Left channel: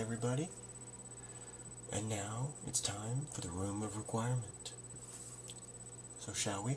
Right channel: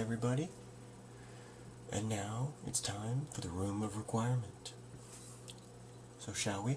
everybody. And now it's time for the Room of Requirement. So shall we?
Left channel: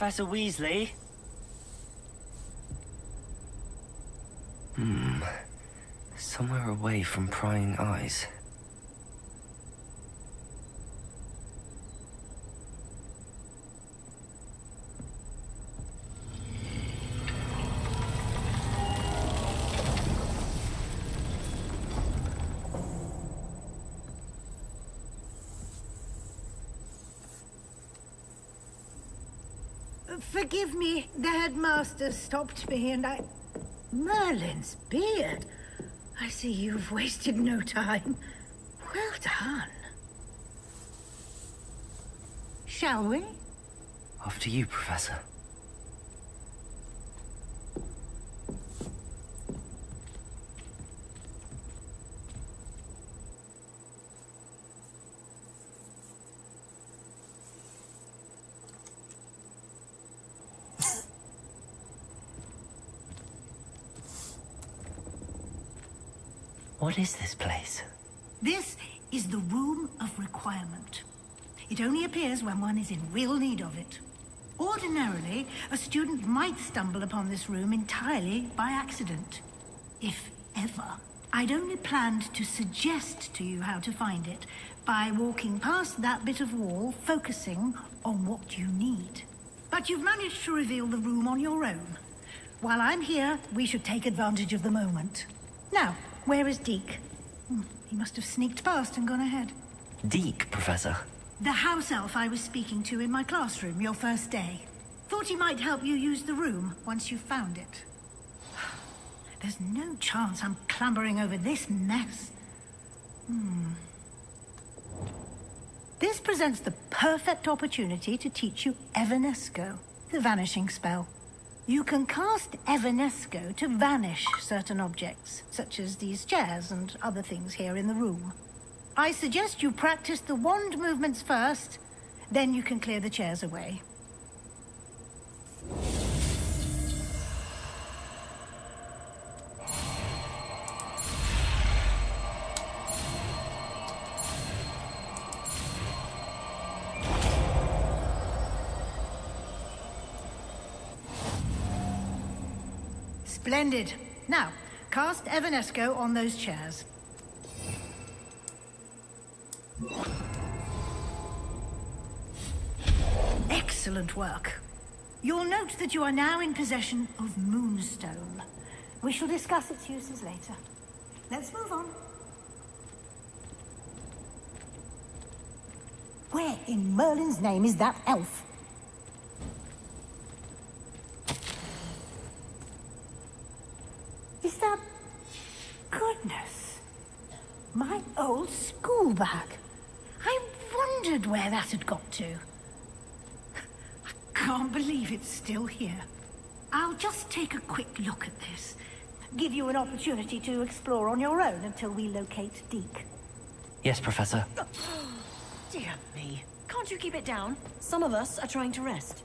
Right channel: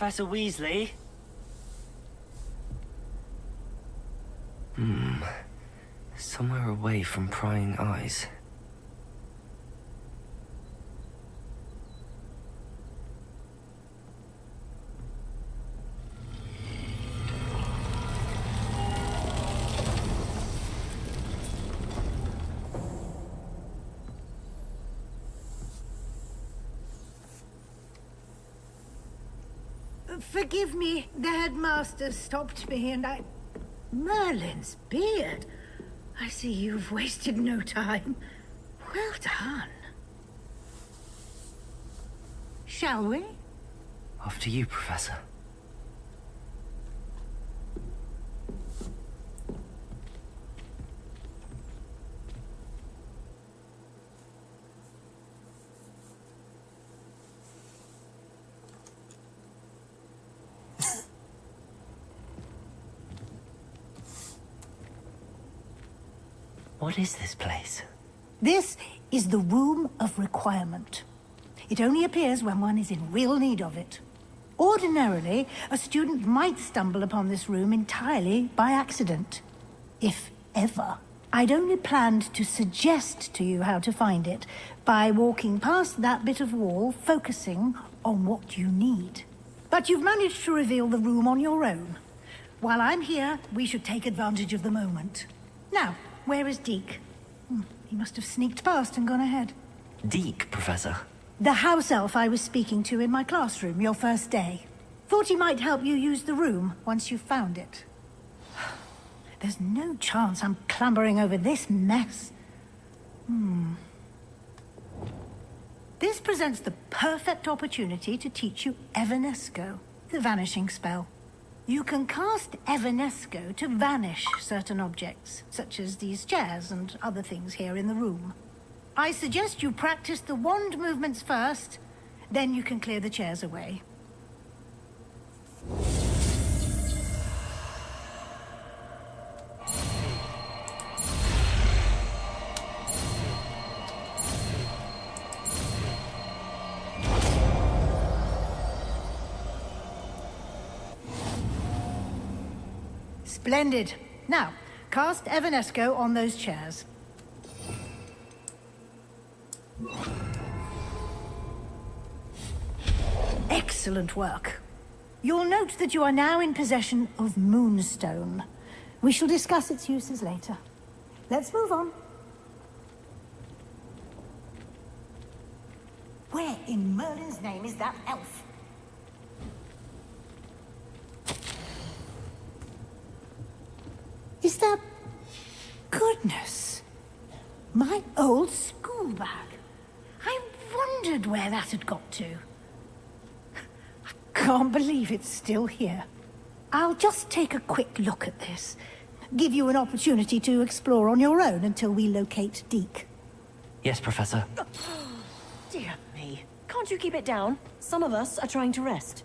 Professor Weasley? Somewhere away from prying eyes. Forgive me, the headmaster stopped me and I... Merlin's beard. I see you've wasted no time. Well done. Shall we? After you, Professor. What is this place? This is the Room of Requirement. It only appears when one is in real need of it. Ordinarily, a student might stumble upon this room entirely by accident. If ever. I'd only planned to suggest to you how to find it by walking past that bit of wall, focusing on what you need. But you've managed to reveal the room on your own. While I'm here, we should take advantage of the moment. Now, where is Deke? He must have sneaked past and gone ahead. Deke, Professor. The house elf I was speaking to in my classroom your first day. Thought he might help you use the room once you found it. There's no chance I'm clambering over this mess. This presents the perfect opportunity to teach you Evanesco, the vanishing spell. You can cast Evanesco to vanish certain objects, such as these chairs and other things here in the room. I suggest you practice the wand movements first, then you can clear the chairs away. Splendid. Now, cast Evanesco on those chairs. Excellent work. You'll note that you are now in possession of Moonstone. We shall discuss its uses later. Let's move on. Where in Merlin's name is that elf? Is that... Goodness. My old school bag. I wondered where that had got to. I can't believe it's still here. I'll just take a quick look at this. Give you an opportunity to explore on your own until we locate Deke. Yes, Professor. Dear me. Can't you keep it down? Some of us are trying to rest.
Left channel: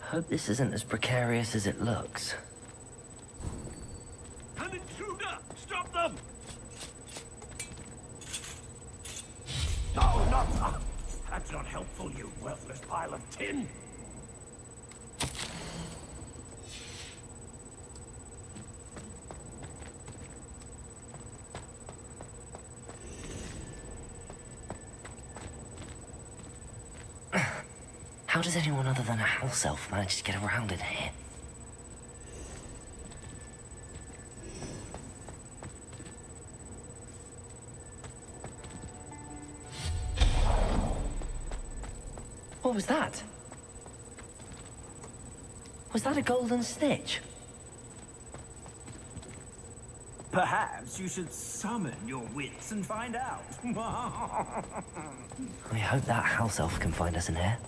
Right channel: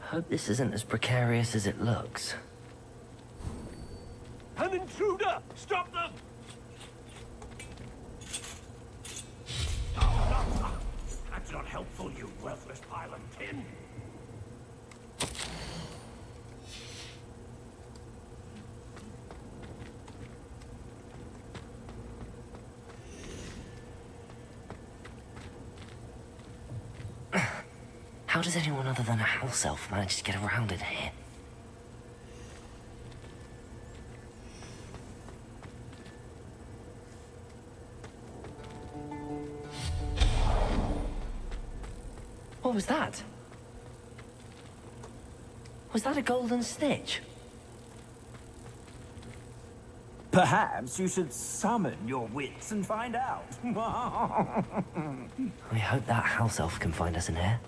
Hope this isn't as precarious as it looks. An intruder! Stop them! Oh, no! That's not helpful, you worthless pile of tin! How does anyone other than a house elf manage to get around in here? What was that? Was that a golden snitch? Perhaps you should summon your wits and find out. I hope that house elf can find us in here.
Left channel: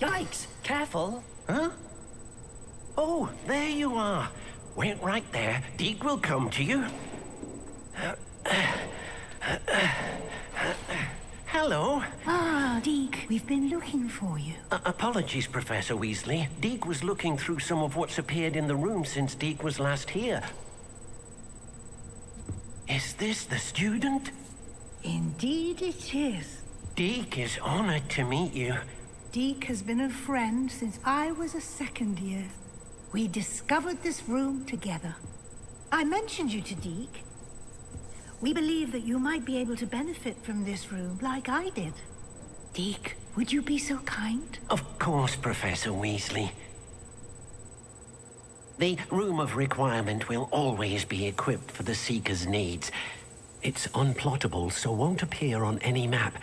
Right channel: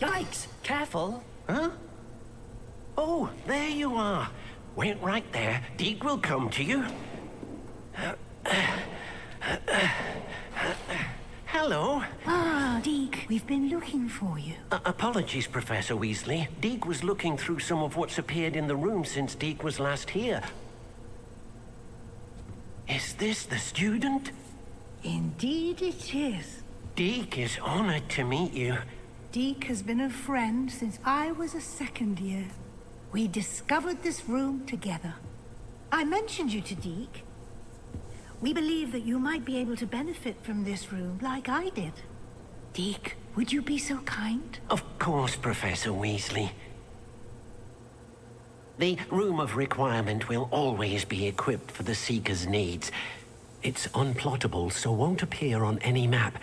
Yikes! Careful! Huh? Oh, there you are. Wait right there. Deke will come to you. Hello. Ah, Deke, we've been looking for you. Apologies, Professor Weasley. Deke was looking through some of what's appeared in the room since Deke was last here. Is this the student? Indeed it is. Deke is honored to meet you. Deke has been a friend since I was a second year. We discovered this room together. I mentioned you to Deke. We believe that you might be able to benefit from this room like I did. Deke, would you be so kind? Of course, Professor Weasley. The Room of Requirement will always be equipped for the Seeker's needs. It's unplottable, so won't appear on any map.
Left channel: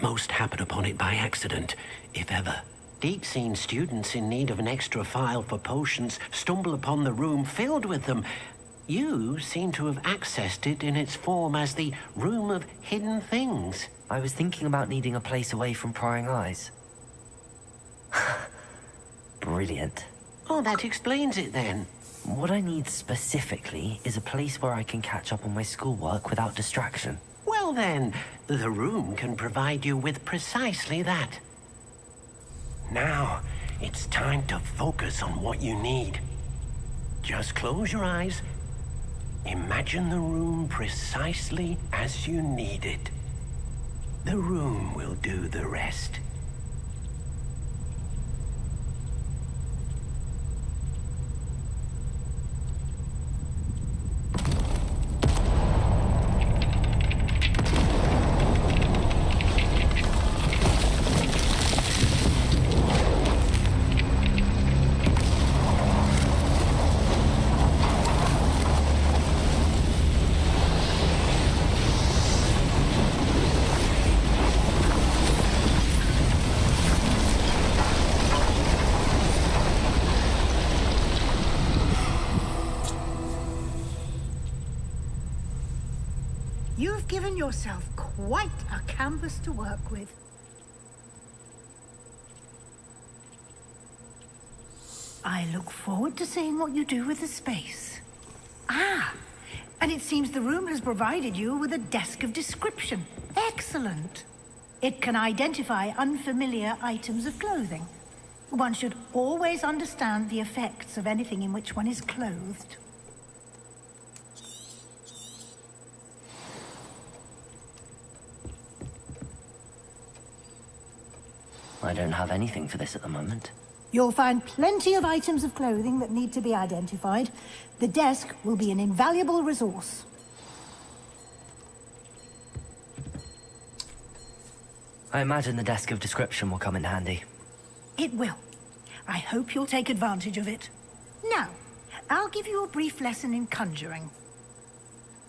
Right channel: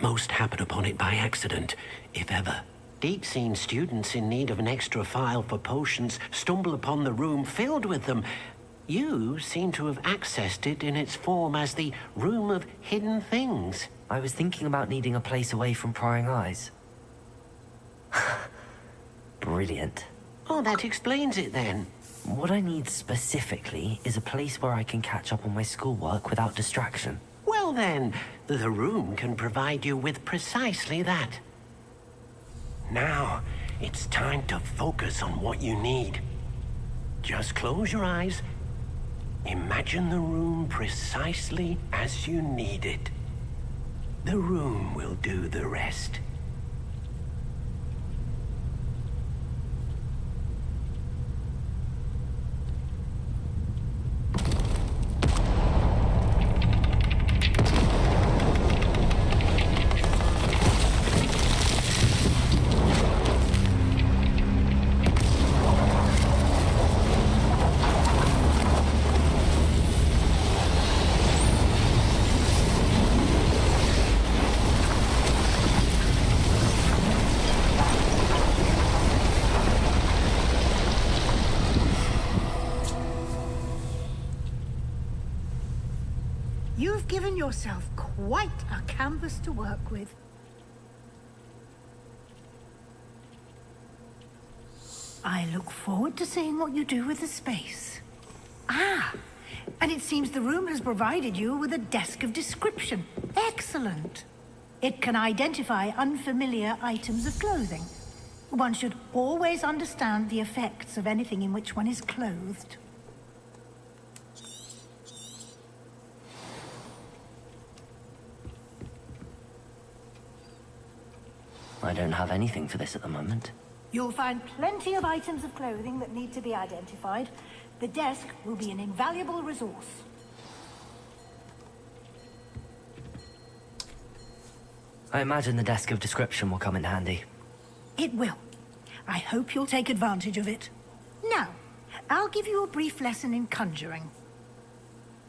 Most happen upon it by accident, if ever. Deke's seen students in need of an extra file for potions stumble upon the room filled with them. You seem to have accessed it in its form as the Room of Hidden Things. I was thinking about needing a place away from prying eyes. Brilliant. Oh, that explains it then. What I need specifically is a place where I can catch up on my schoolwork without distraction. Well then, the room can provide you with precisely that. Now, it's time to focus on what you need. Just close your eyes. Imagine the room precisely as you need it. The room will do the rest. You've given yourself quite a canvas to work with. I look forward to seeing what you do with the space. Ah, and it seems the room has provided you with a desk of description. Excellent. It can identify unfamiliar items of clothing. One should always understand the effects of anything in which one is clothed. I don't have anything for this at the moment. You'll find plenty of items of clothing that need to be identified. The desk will be an invaluable resource. I imagine the desk of description will come in handy. It will. I hope you'll take advantage of it. Now, I'll give you a brief lesson in conjuring.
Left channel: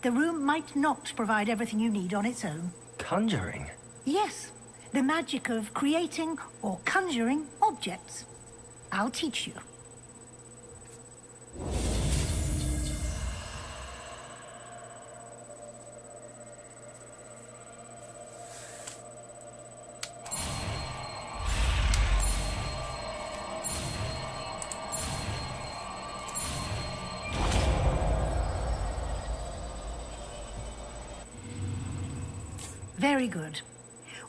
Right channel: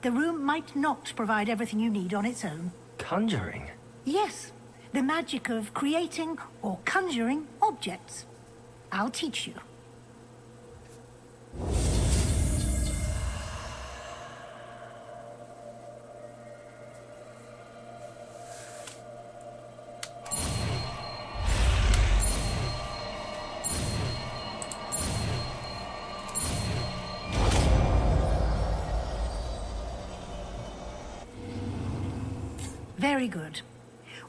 The room might not provide everything you need on its own. Conjuring? Yes, the magic of creating or conjuring objects. I'll teach you. Very good.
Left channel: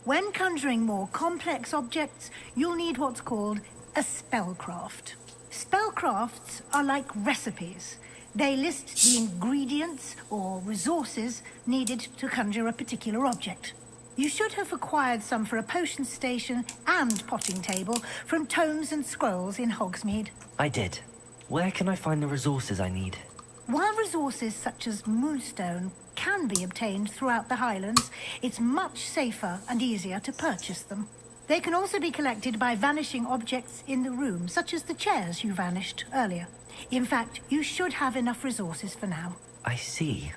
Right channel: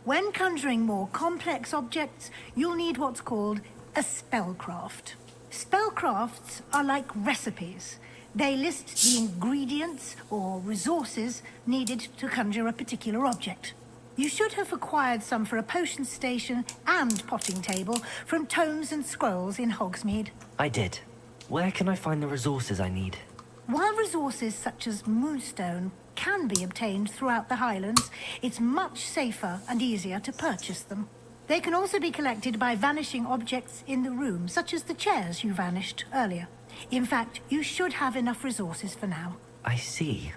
When conjuring more complex objects, you'll need what's called a spellcraft. Spellcrafts are like recipes. They list the ingredients or resources needed to conjure a particular object. You should have acquired some for a potion station and potting table from tomes and scrolls in Hogsmeade. I did. Where can I find the resources I need? While resources such as moonstone can be obtained throughout the Highlands, it's much safer and easier to purchase them. They can also be collected by vanishing objects in the room, such as the chairs you vanished earlier. In fact, you should have enough resources for now. I see.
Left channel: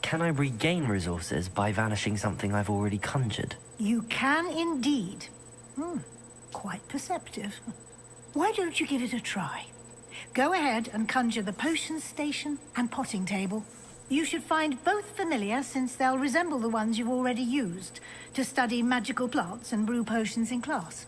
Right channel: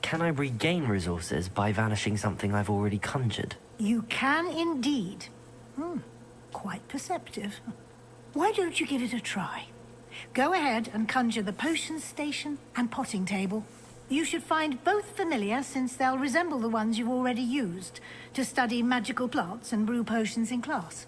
Can I regain resources by vanishing something I've already conjured? You can indeed. Quite perceptive. Why don't you give it a try? Go ahead and conjure the potion station and potting table. You should find both familiar, since they'll resemble the ones you've already used to study magical plants and brew potions in class.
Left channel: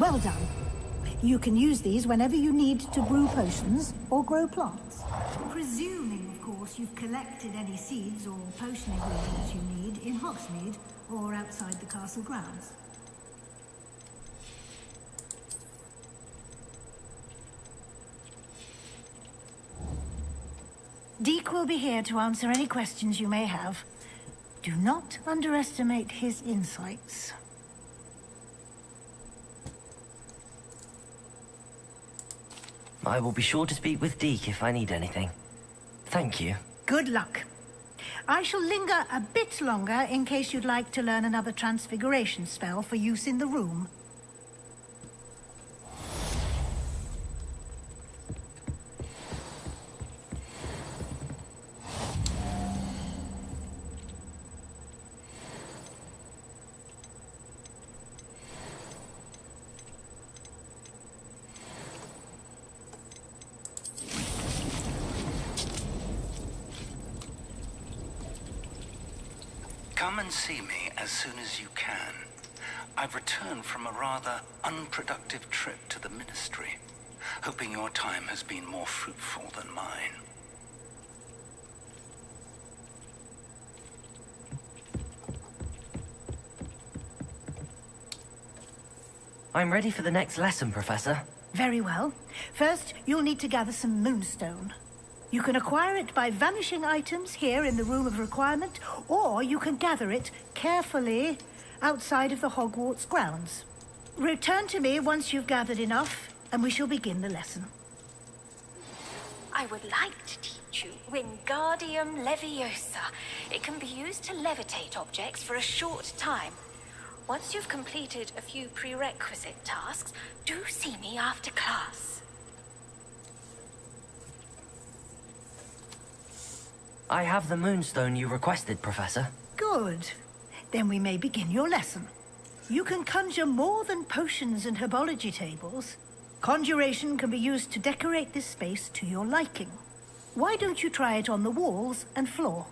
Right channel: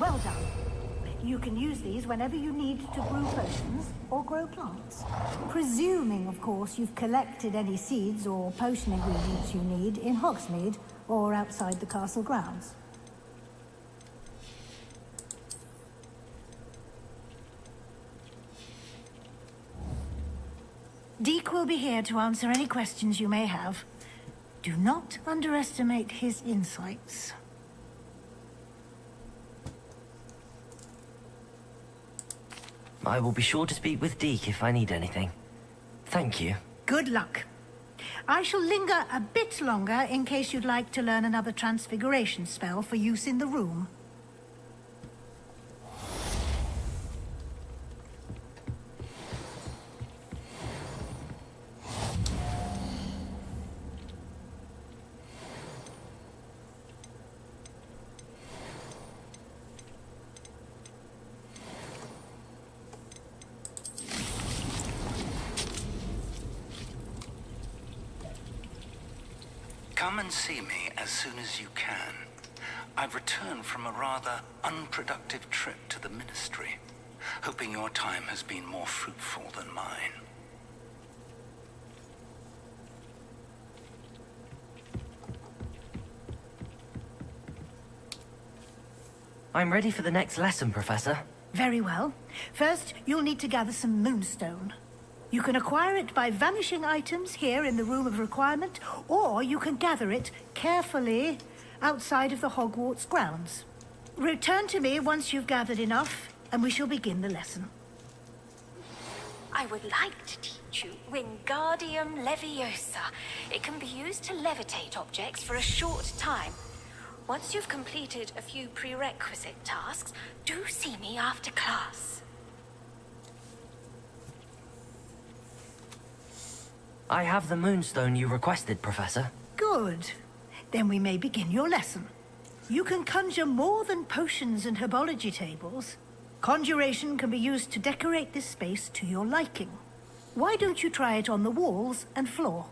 Well done. You can use these whenever you need to brew potions or grow plants. Presuming, of course, you've collected any seeds or potion ingredients you need in Hogsmeade or outside the castle grounds. Deke will be here to answer any questions you may have. Do not underestimate his insights. I will be sure to speak with Deke if I need anything. Thank you. Good luck. I shall linger a bit longer in case you'd like to learn another transfiguration spell for use in the room. Come and see me as soon as you can. I've returned from a rather unproductive trip to the Ministry, hoping your time has been more fruitful than mine. I'm ready for the next lesson, Professor. Very well. First, you'll need to gather some moonstone. You can acquire it by vanishing items here in the Room of Requirement, or you can gather it carefully outside of the Hogwarts grounds. Return to me once you've gathered enough, and we shall begin the lesson. I would like to teach you Wingardium Leviosa. It can be used to levitate objects for a short time. Once you've completed a few prerequisite tasks, do see me after class. I have the moonstone you requested, Professor. Good. Then we may begin your lesson. You can conjure more than potions and herbology tables. Conjuration can be used to decorate this space to your liking. Why don't you try it on the walls and floor?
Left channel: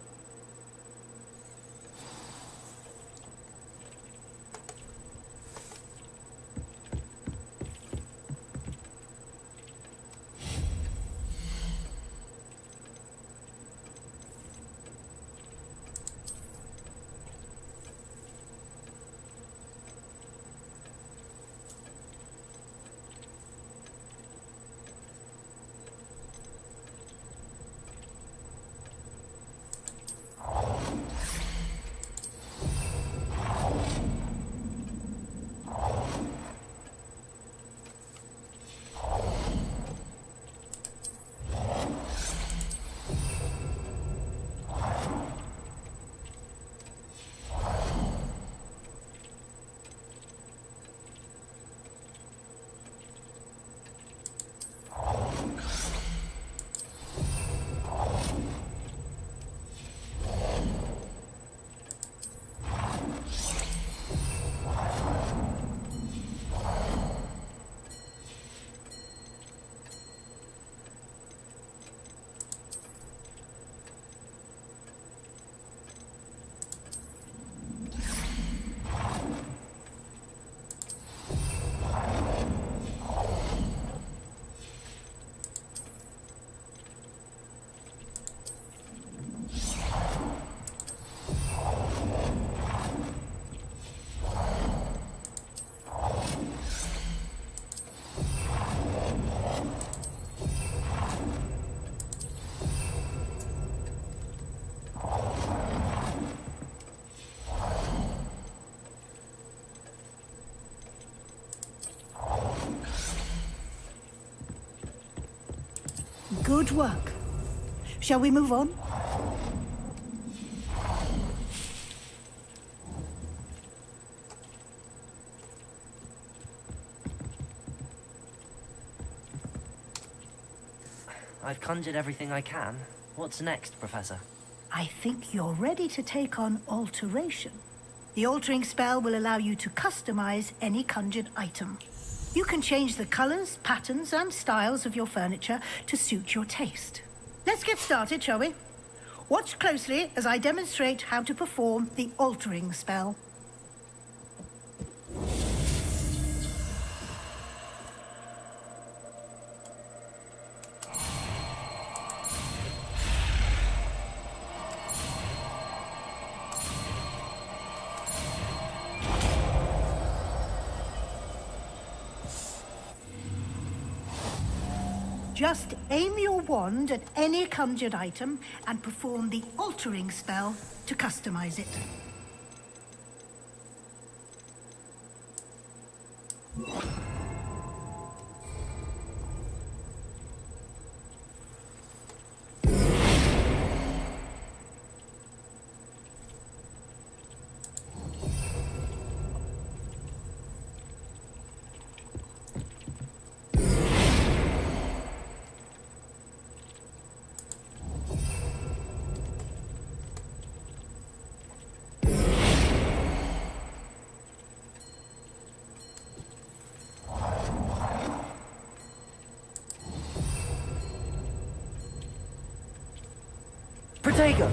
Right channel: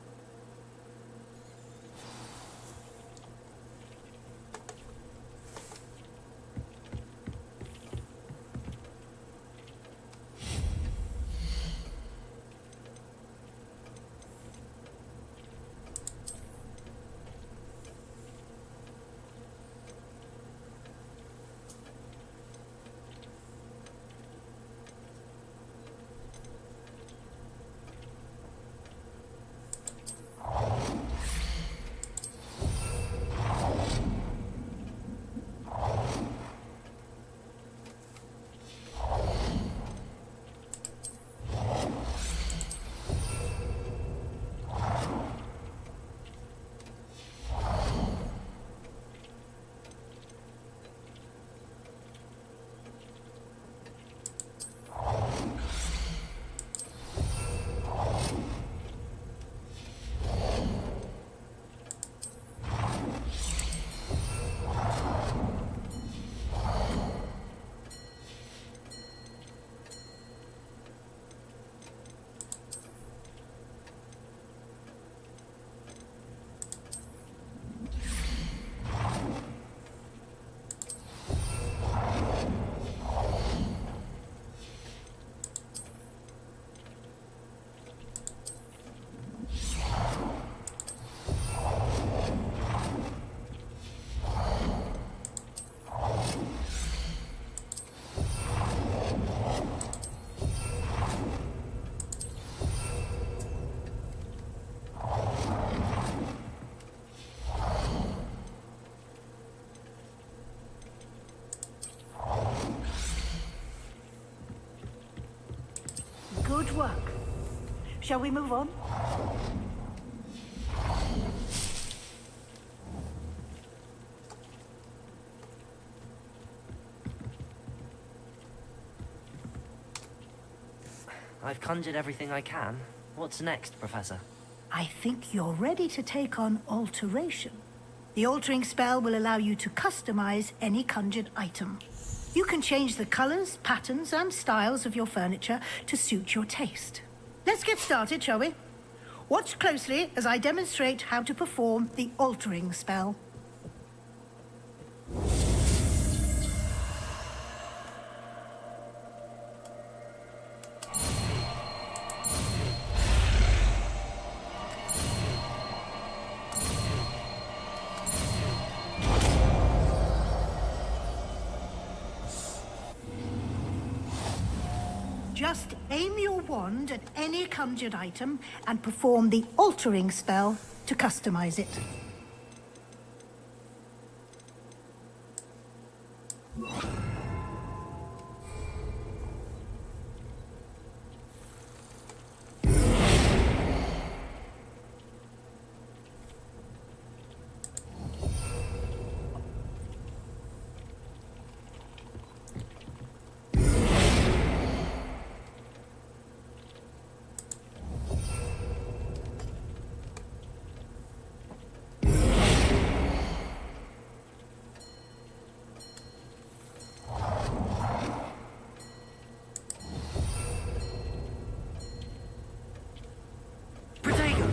Good work. Shall we move on? I've conjured everything I can. What's next, Professor? I think you're ready to take on alteration. The altering spell will allow you to customize any conjured item. You can change the colors, patterns, and styles of your furniture to suit your taste. Let's get started, shall we? Watch closely as I demonstrate how to perform the altering spell. Just aim your wand at any conjured item and perform the altering spell to customize it. Protego!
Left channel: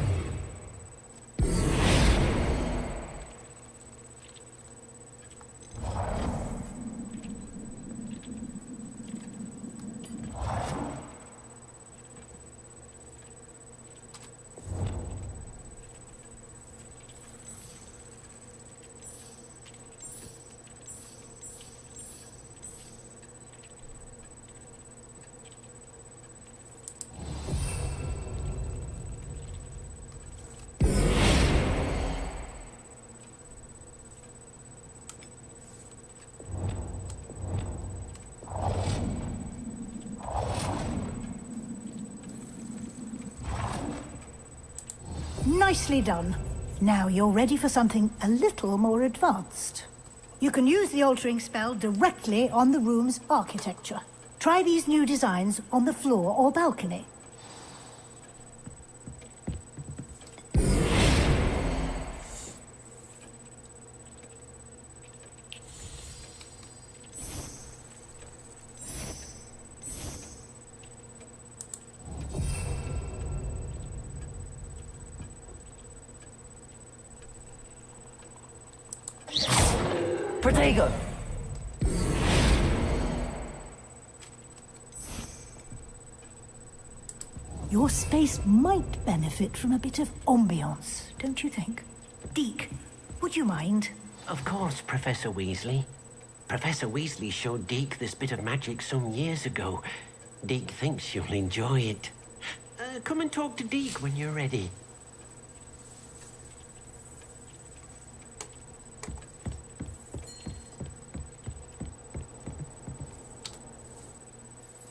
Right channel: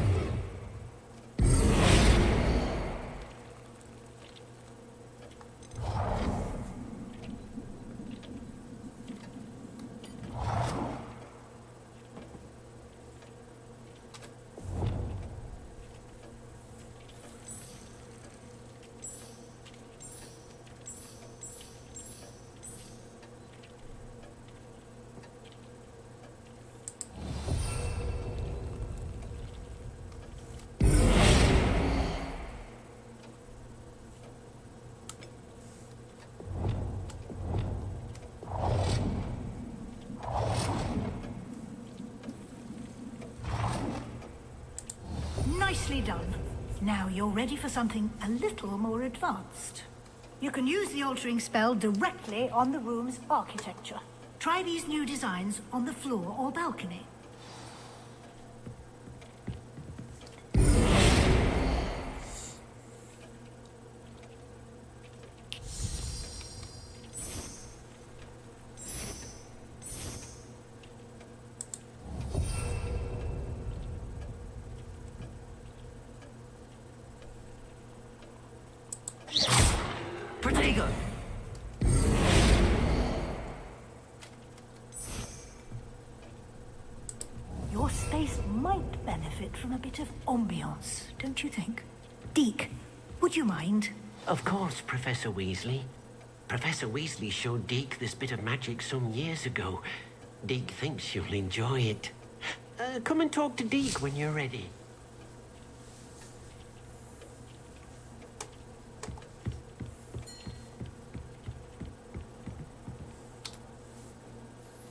Nicely done. Now you're ready for something a little more advanced. You can use the altering spell directly on the room's architecture. Try these new designs on the floor or balcony. Protego! Your space might benefit from a bit of ambiance, don't you think? Deke, would you mind? Of course, Professor Weasley. Professor Weasley showed Deke this bit of magic some years ago. Deke thinks you'll enjoy it. Come and talk to Deke when you're ready.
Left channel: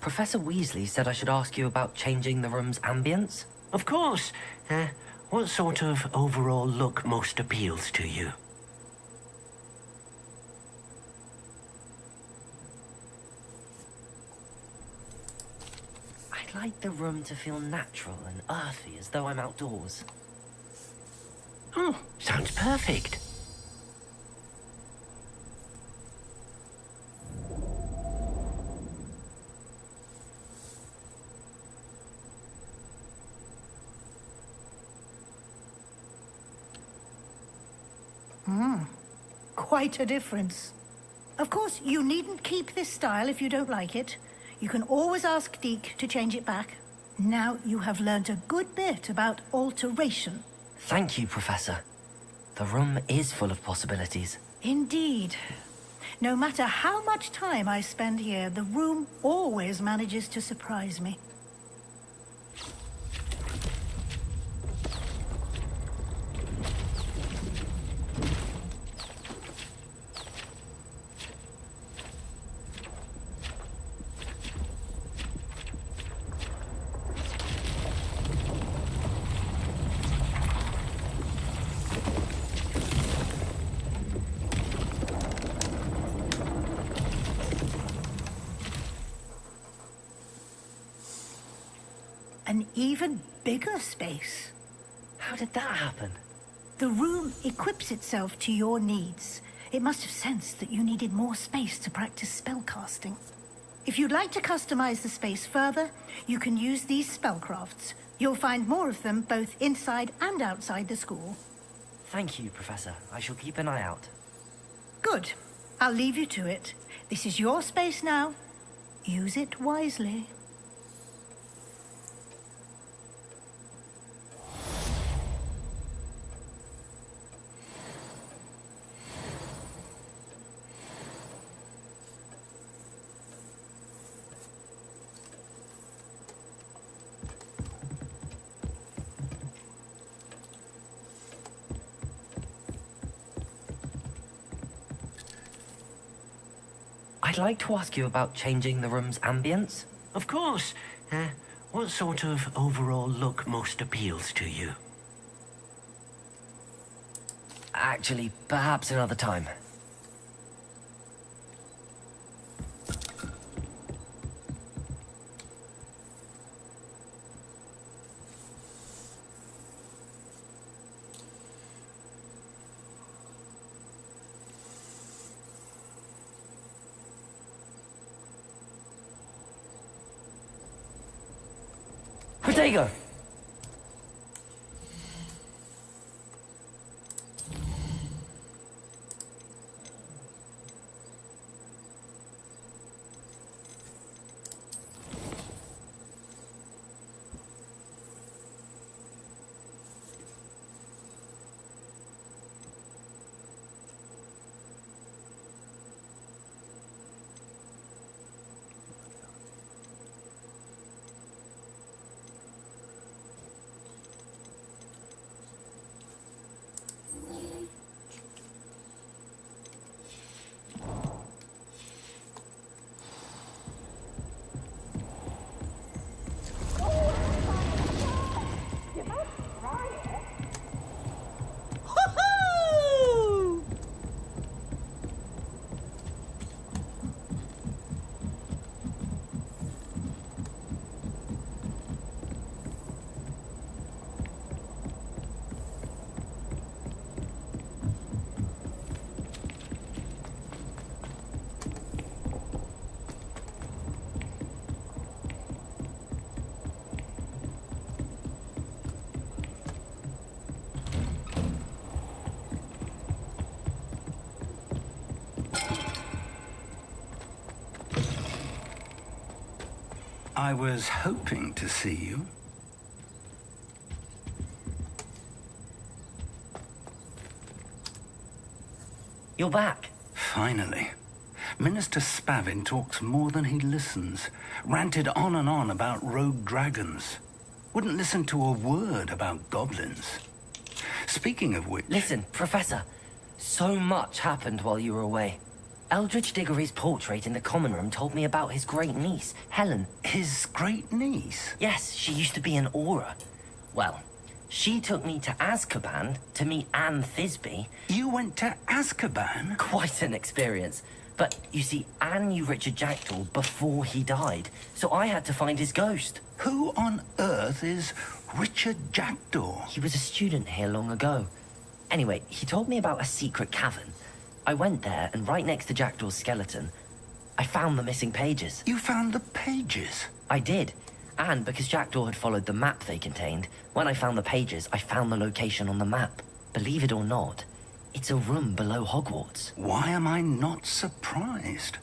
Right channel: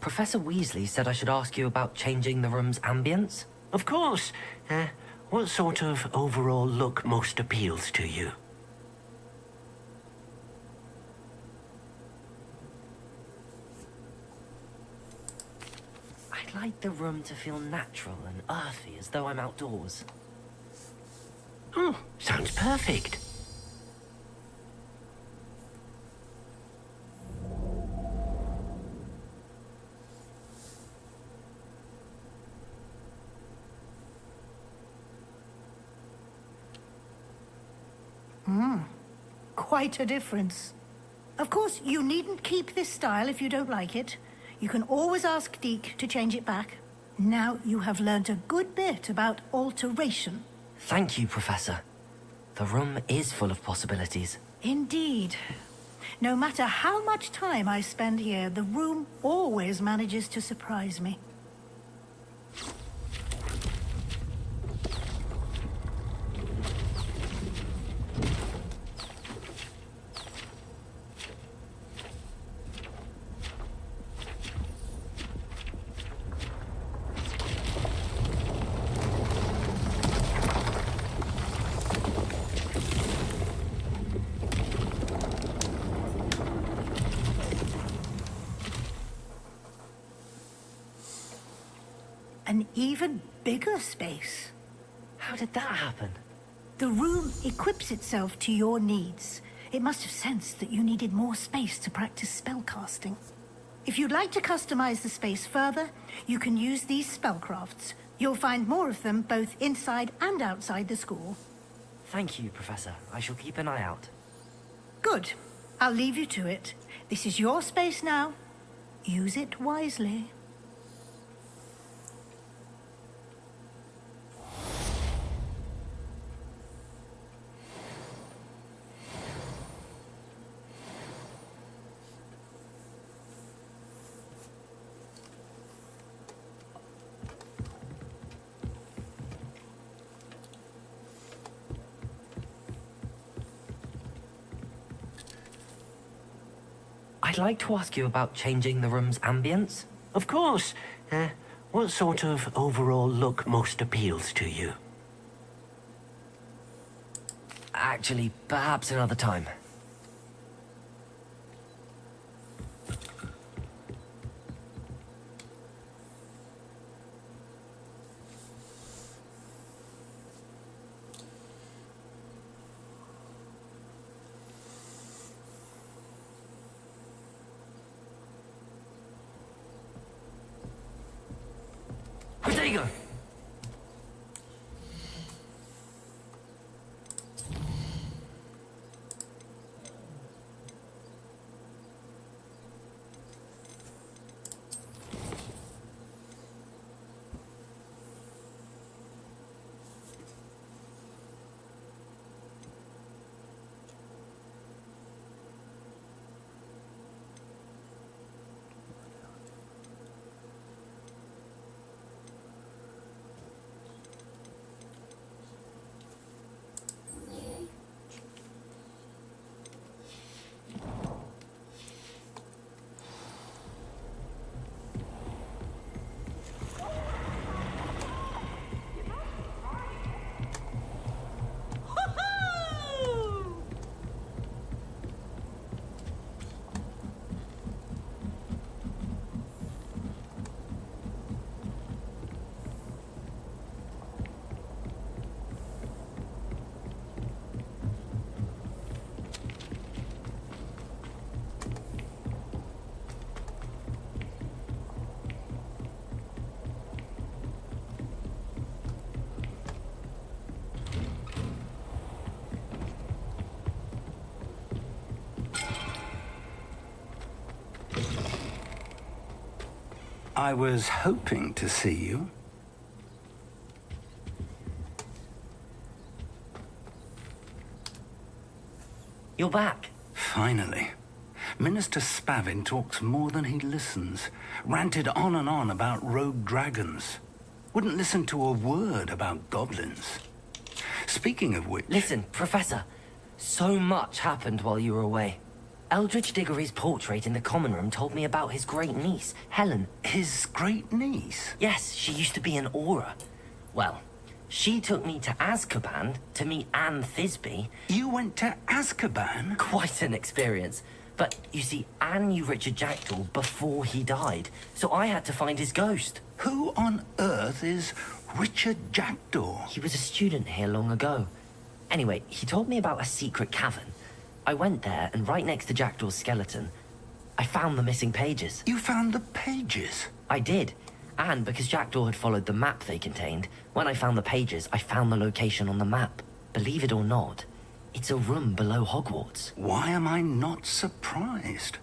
Professor Weasley said I should ask you about changing the room's ambience? Of course. What sort of overall look most appeals to you? I'd like the room to feel natural and earthy, as though I'm outdoors. Oh, sounds perfect. Quite a difference. Of course, you needn't keep this style if you don't like it. You can always ask Deke to change it back. Now you have learnt a good bit about alteration. Thank you, Professor. The room is full of possibilities. Indeed. No matter how much time I spend here, the room always manages to surprise me. An even bigger space. How did that happen? The room equips itself to your needs. It must have sensed that you needed more space to practice spellcasting. If you'd like to customize the space further, you can use these spellcrafts. You'll find more of them both inside and outside the school. Thank you, Professor. I shall keep an eye out. Good. I'll leave you to it. This is your space now. Use it wisely. I'd like to ask you about changing the room's ambience. Of course. What sort of overall look most appeals to you? Actually, perhaps another time. Protego! I was hoping to see you. You're back. Finally. Minister Spavin talks more than he listens. Ranted on and on about rogue dragons. Wouldn't listen to a word about goblins. Speaking of which... Listen, Professor. So much happened while you were away. Eldridge Diggory's portrait in the common room told me about his great niece, Helen. His great niece? Yes, she used to be an Auror. Well, she took me to Azkaban to meet Anne Thisbe. You went to Azkaban? Quite an experience. But, you see, Anne knew Richard Jackdaw before he died, so I had to find his ghost. Who on earth is Richard Jackdaw? He was a student here long ago. Anyway, he told me about a secret cavern. I went there, and right next to Jackdaw's skeleton, I found the missing pages. You found the pages? I did. And because Jackdaw had followed the map they contained, when I found the pages, I found the location on the map. Believe it or not, it's a room below Hogwarts. Why am I not surprised?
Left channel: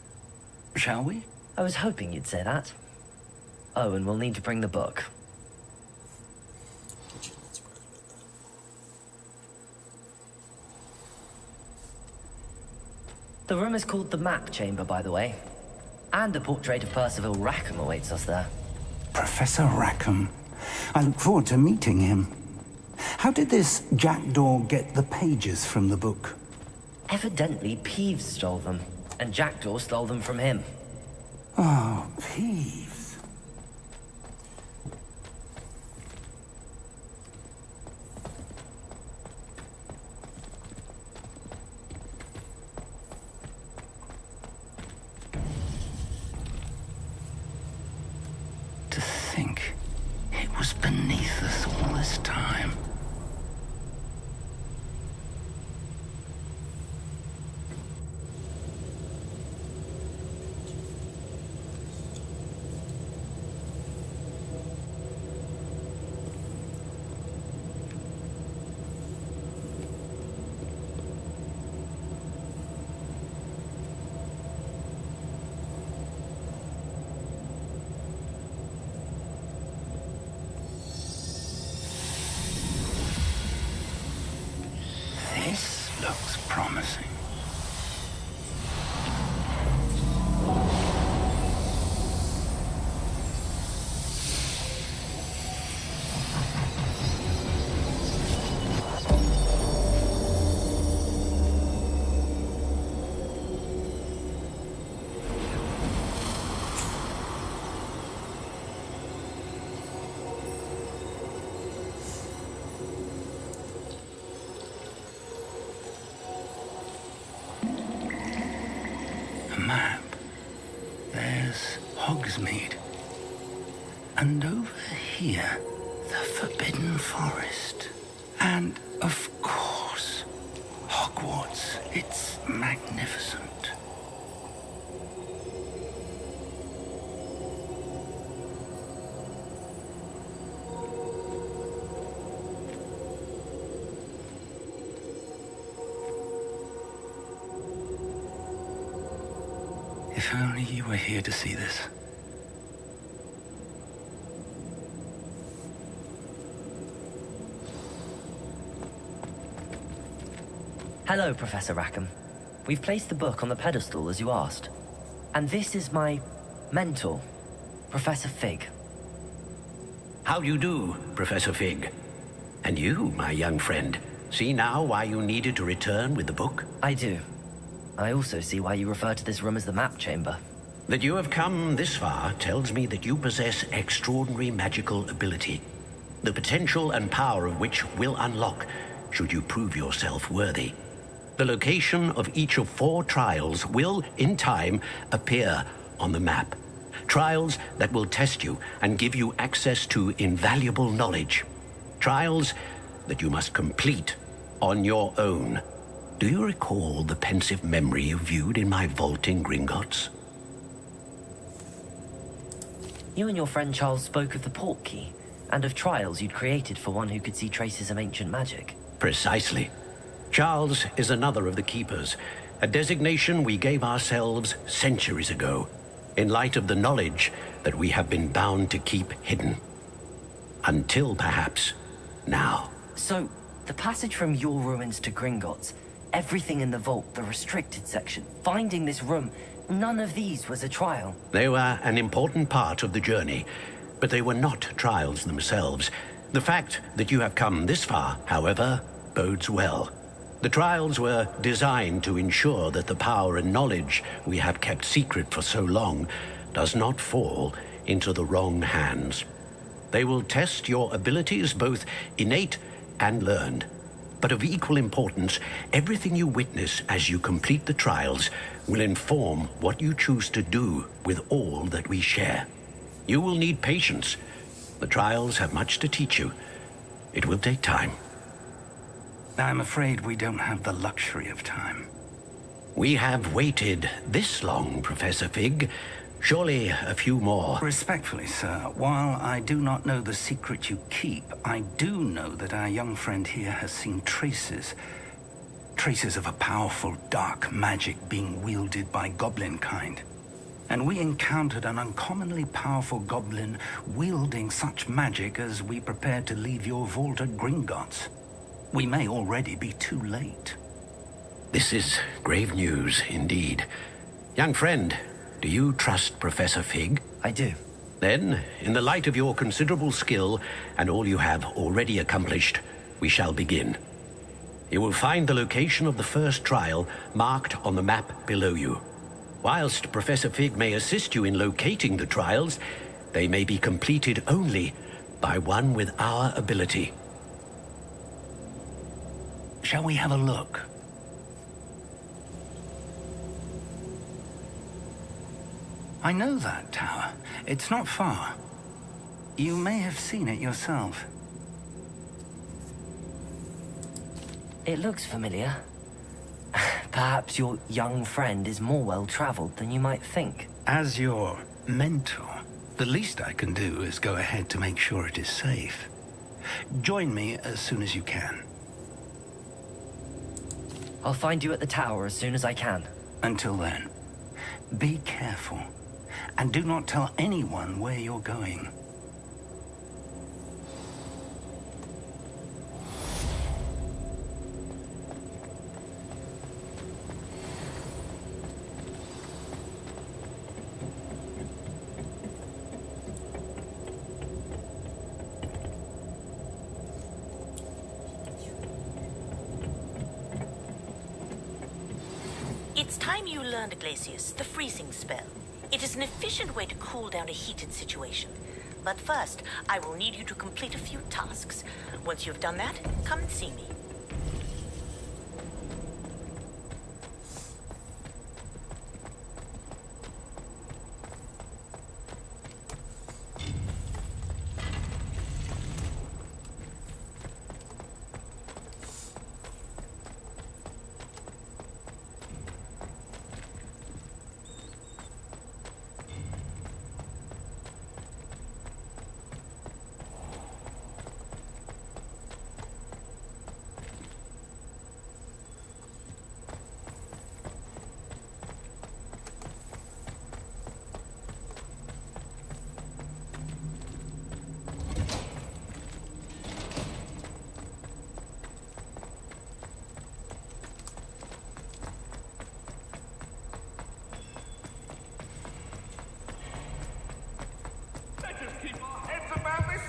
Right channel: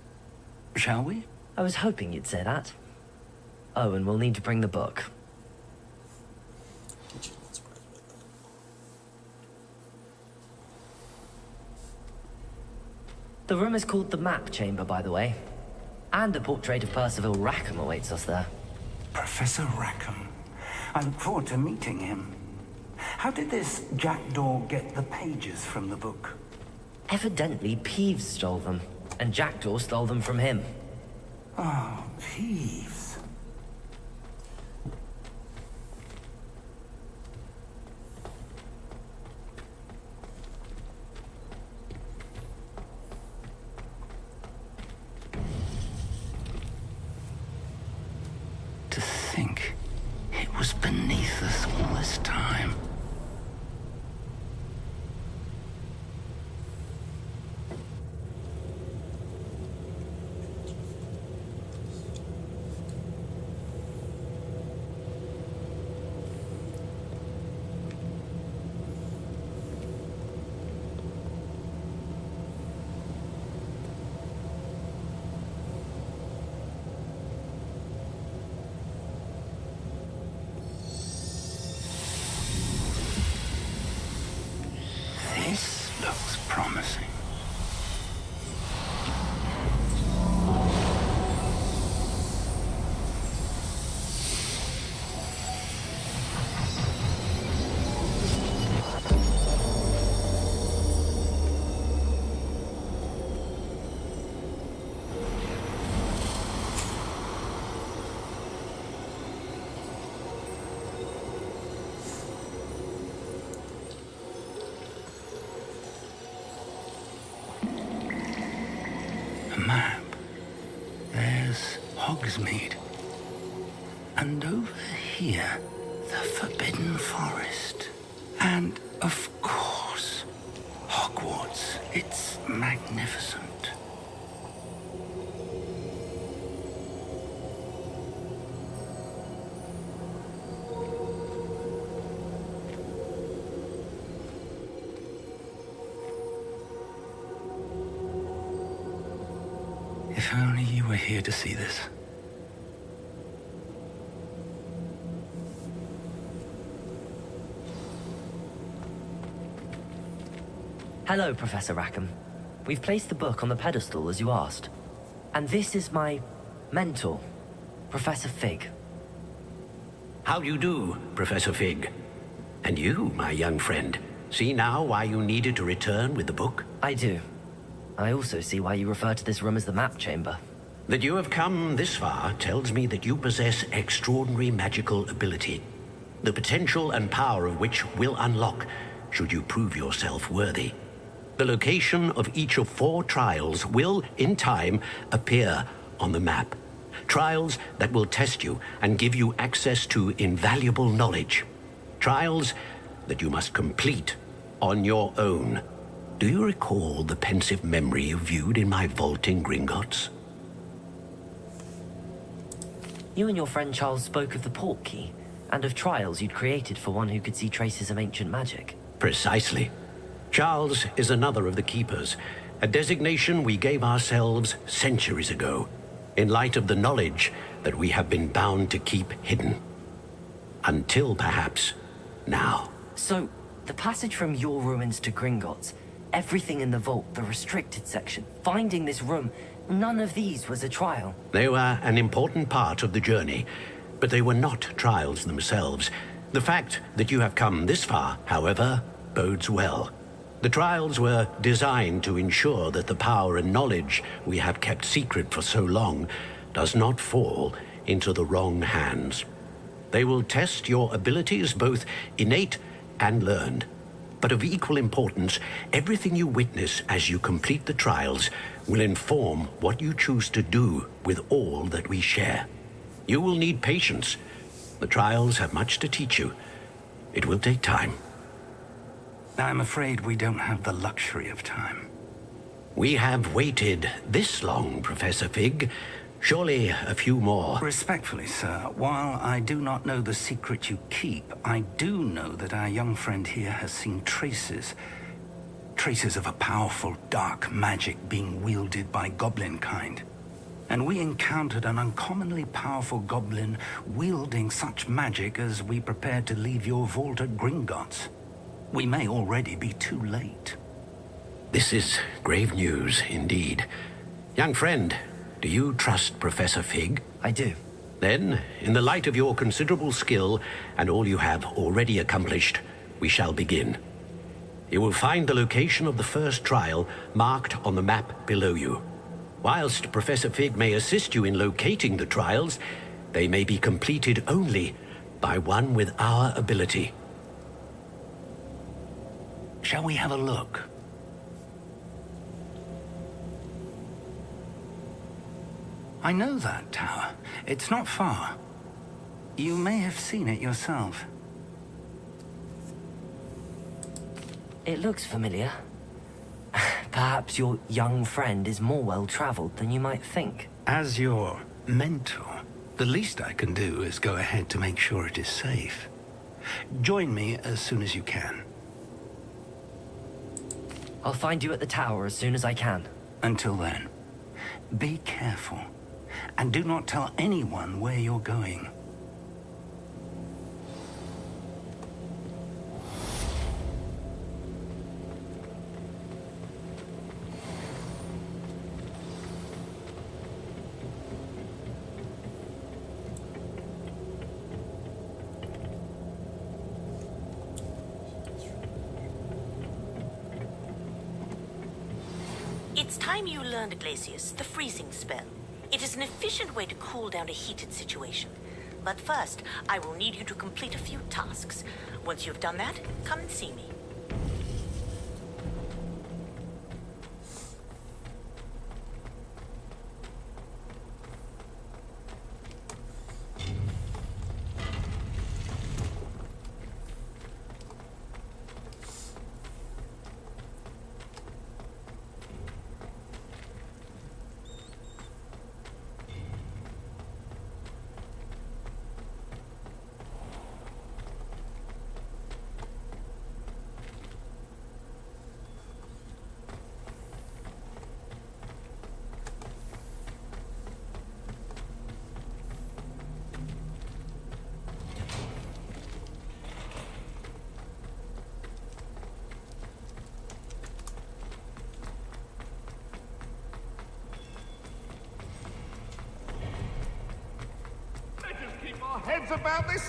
Shall we? I was hoping you'd say that. Oh, and we'll need to bring the book. The room is called the Map Chamber, by the way. And a portrait of Percival Rackham awaits us there. Professor Rackham. I look forward to meeting him. How did this Jackdaw get the pages from the book? Evidently, Peeves stole them, and Jackdaw stole them from him. Oh, Peeves. To think it was beneath us all this time. This looks promising. A map. There's Hogsmeade. And over here, the Forbidden Forest. And, of course, Hogwarts. It's magnificent. If only you were here to see this. Hello, Professor Rackham. We've placed the book on the pedestal as you asked. And this is my mentor, Professor Fig. How do you do, Professor Fig? And you, my young friend, see now why you needed to return with the book? I do. I also see why you refer to this room as the Map Chamber. That you have come this far tells me that you possess extraordinary magical ability, the potential and power of which will unlock should you prove yourself worthy. The location of each of 4 trials will, in time, appear on the map. Trials that will test you and give you access to invaluable knowledge. Trials that you must complete on your own. Do you recall the pensive memory you viewed in my vault in Gringotts? You and your friend Charles spoke of the Portkey, and of trials you'd created for one who could see traces of ancient magic. Precisely. Charles is another of the Keepers, a designation we gave ourselves centuries ago. in light of the knowledge that we have been bound to keep hidden. Until perhaps now. So, the passage from your ruins to Gringotts, everything in the vault, the restricted section, finding this room, none of these was a trial. They were an important part of the journey, but they were not trials themselves. The fact that you have come this far, however, bodes well. The trials were designed to ensure that the power and knowledge we have kept secret for so long does not fall into the wrong hands. They will test your abilities, both innate and learned. But of equal importance, everything you witness as you complete the trials will inform what you choose to do with all that we share. You will need patience. The trials have much to teach you. It will take time. I'm afraid we don't have the luxury of time. We have waited this long, Professor Fig. Surely a few more. Respectfully, sir, while I do not know the secret you keep, I do know that our young friend here has seen traces of a powerful dark magic being wielded by goblin kind. And we encountered an uncommonly powerful goblin wielding such magic as we prepared to leave your vault at Gringotts. We may already be too late. This is grave news indeed. Young friend, do you trust Professor Fig? I do. Then, in the light of your considerable skill and all you have already accomplished, we shall begin. You will find the location of the first trial marked on the map below you. Whilst Professor Fig may assist you in locating the trials, they may be completed only by one with our ability. Shall we have a look? I know that tower. It's not far. You may have seen it yourself. It looks familiar. Perhaps your young friend is more well-traveled than you might think. As your mentor, the least I can do is go ahead to make sure it is safe. Join me as soon as you can. I'll find you at the tower as soon as I can. Until then, be careful, and do not tell anyone where you're going. It's time you learned, Glacius, the freezing spell. It is an efficient way to cool down a heated situation. But first, I will need you to complete a few tasks. Once you've done that, come and see me. Let us keep our heads about this.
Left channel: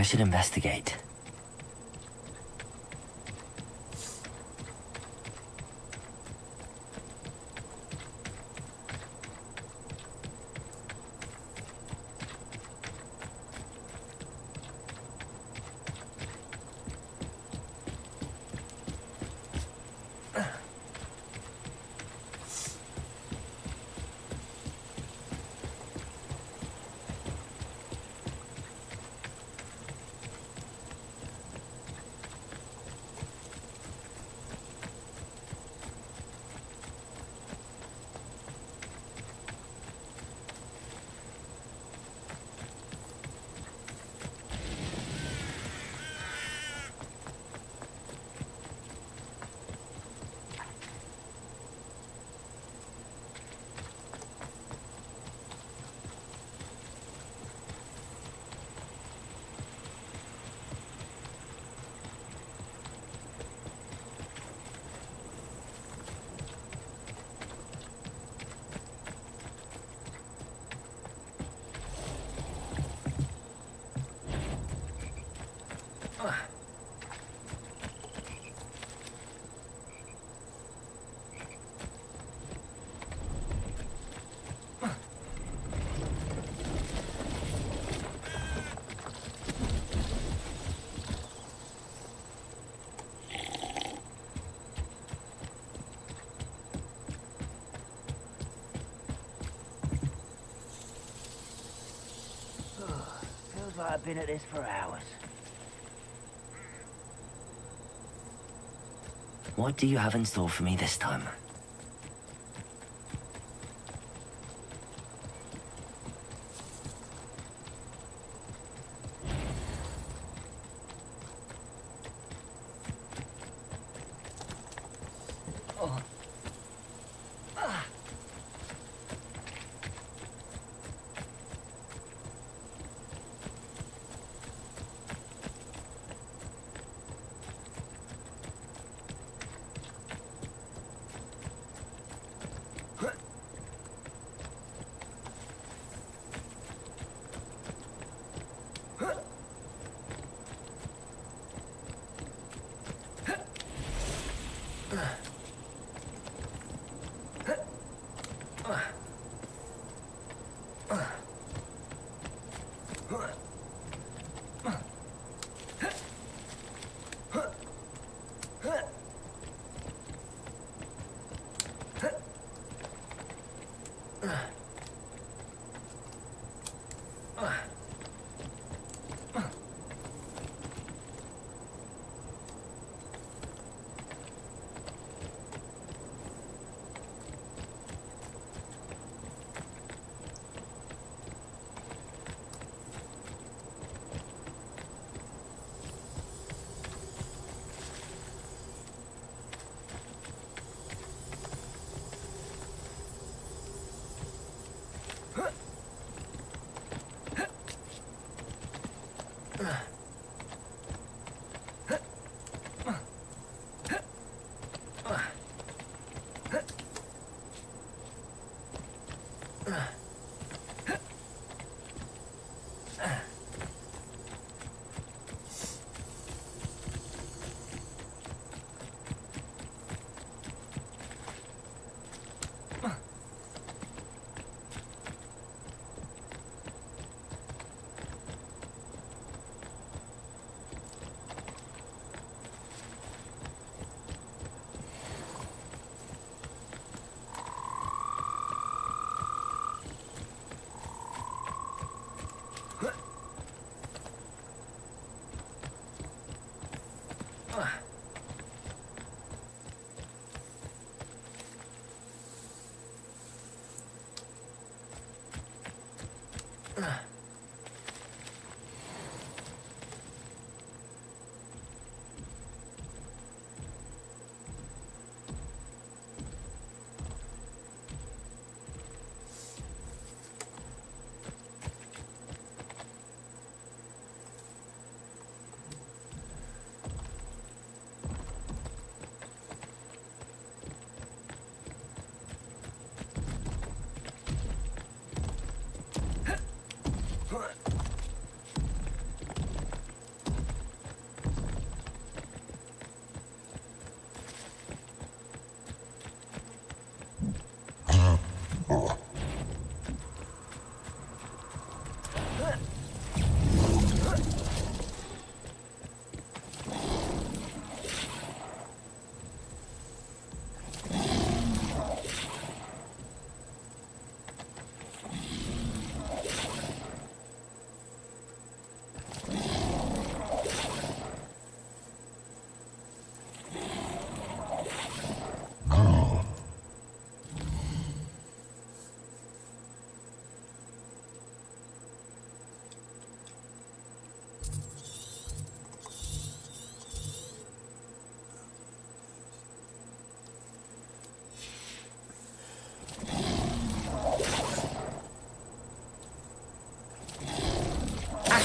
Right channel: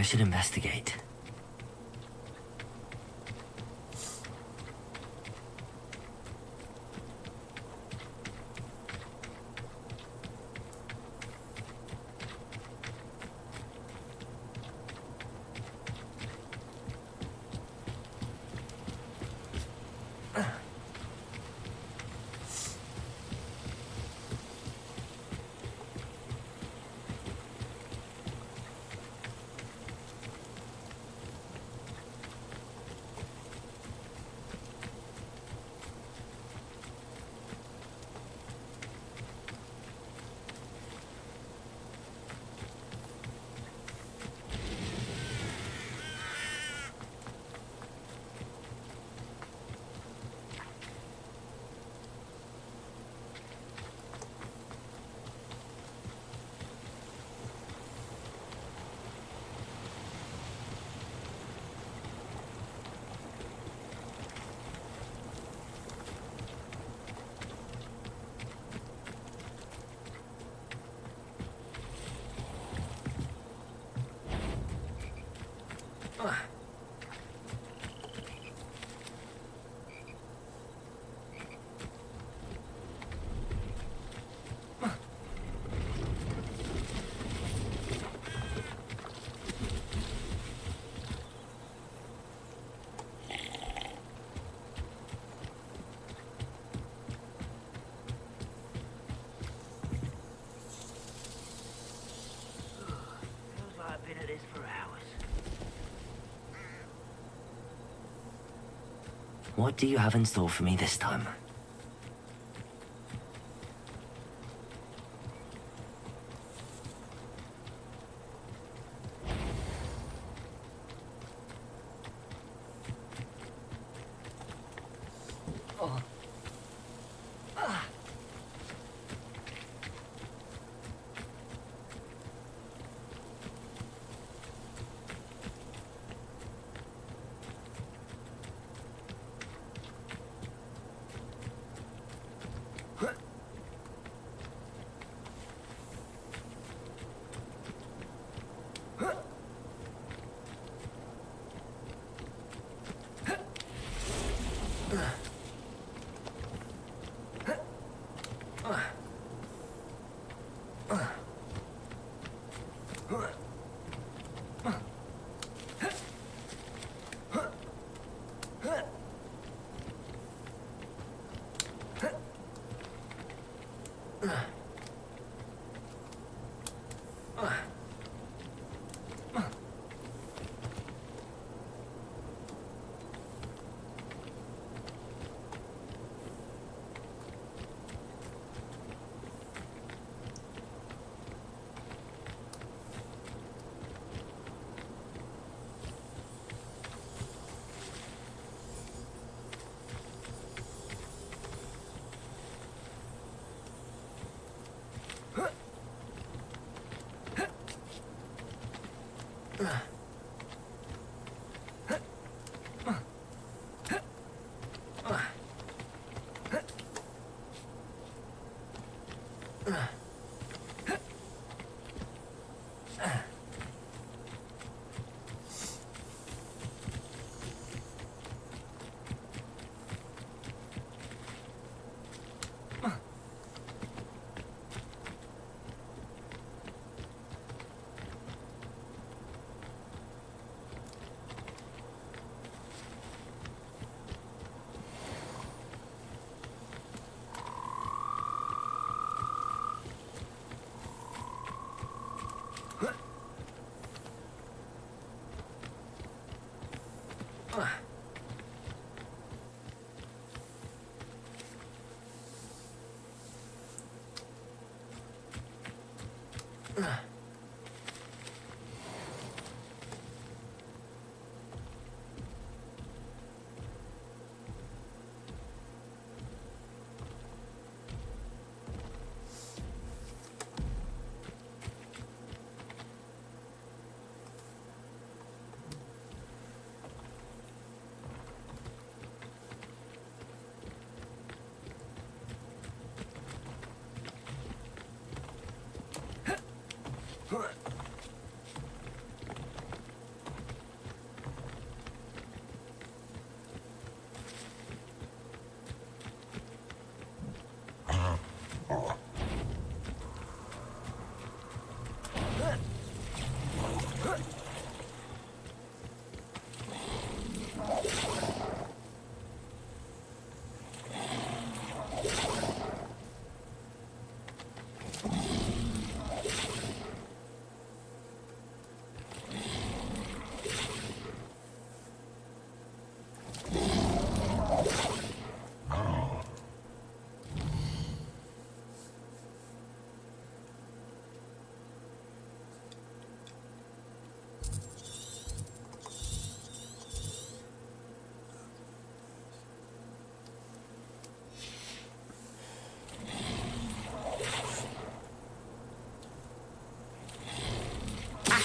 I should investigate. Feels like I've been at this for hours. What do you have in store for me this time?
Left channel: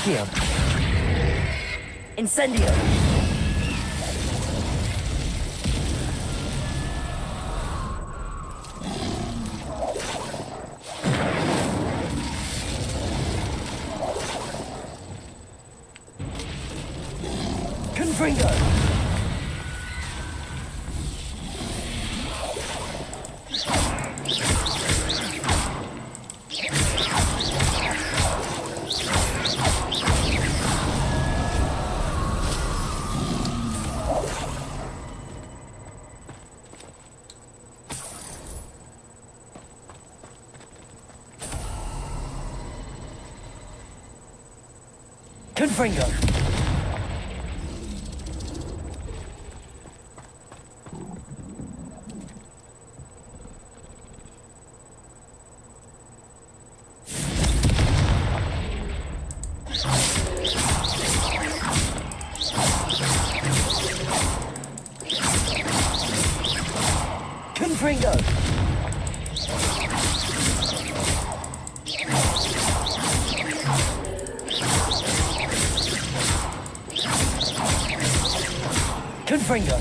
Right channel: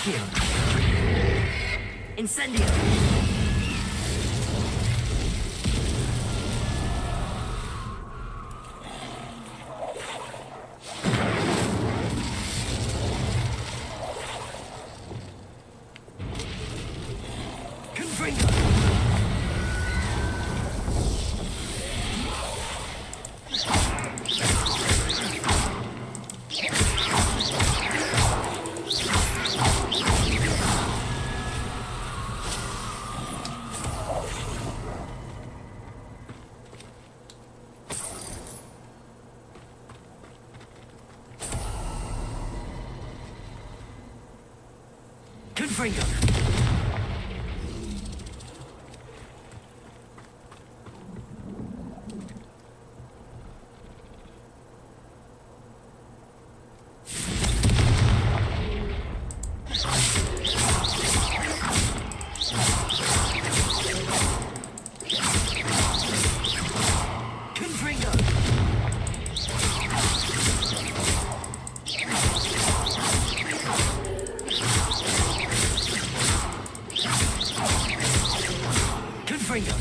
Accio. Incendio. Confringo. Confringo. Confringo. Confringo.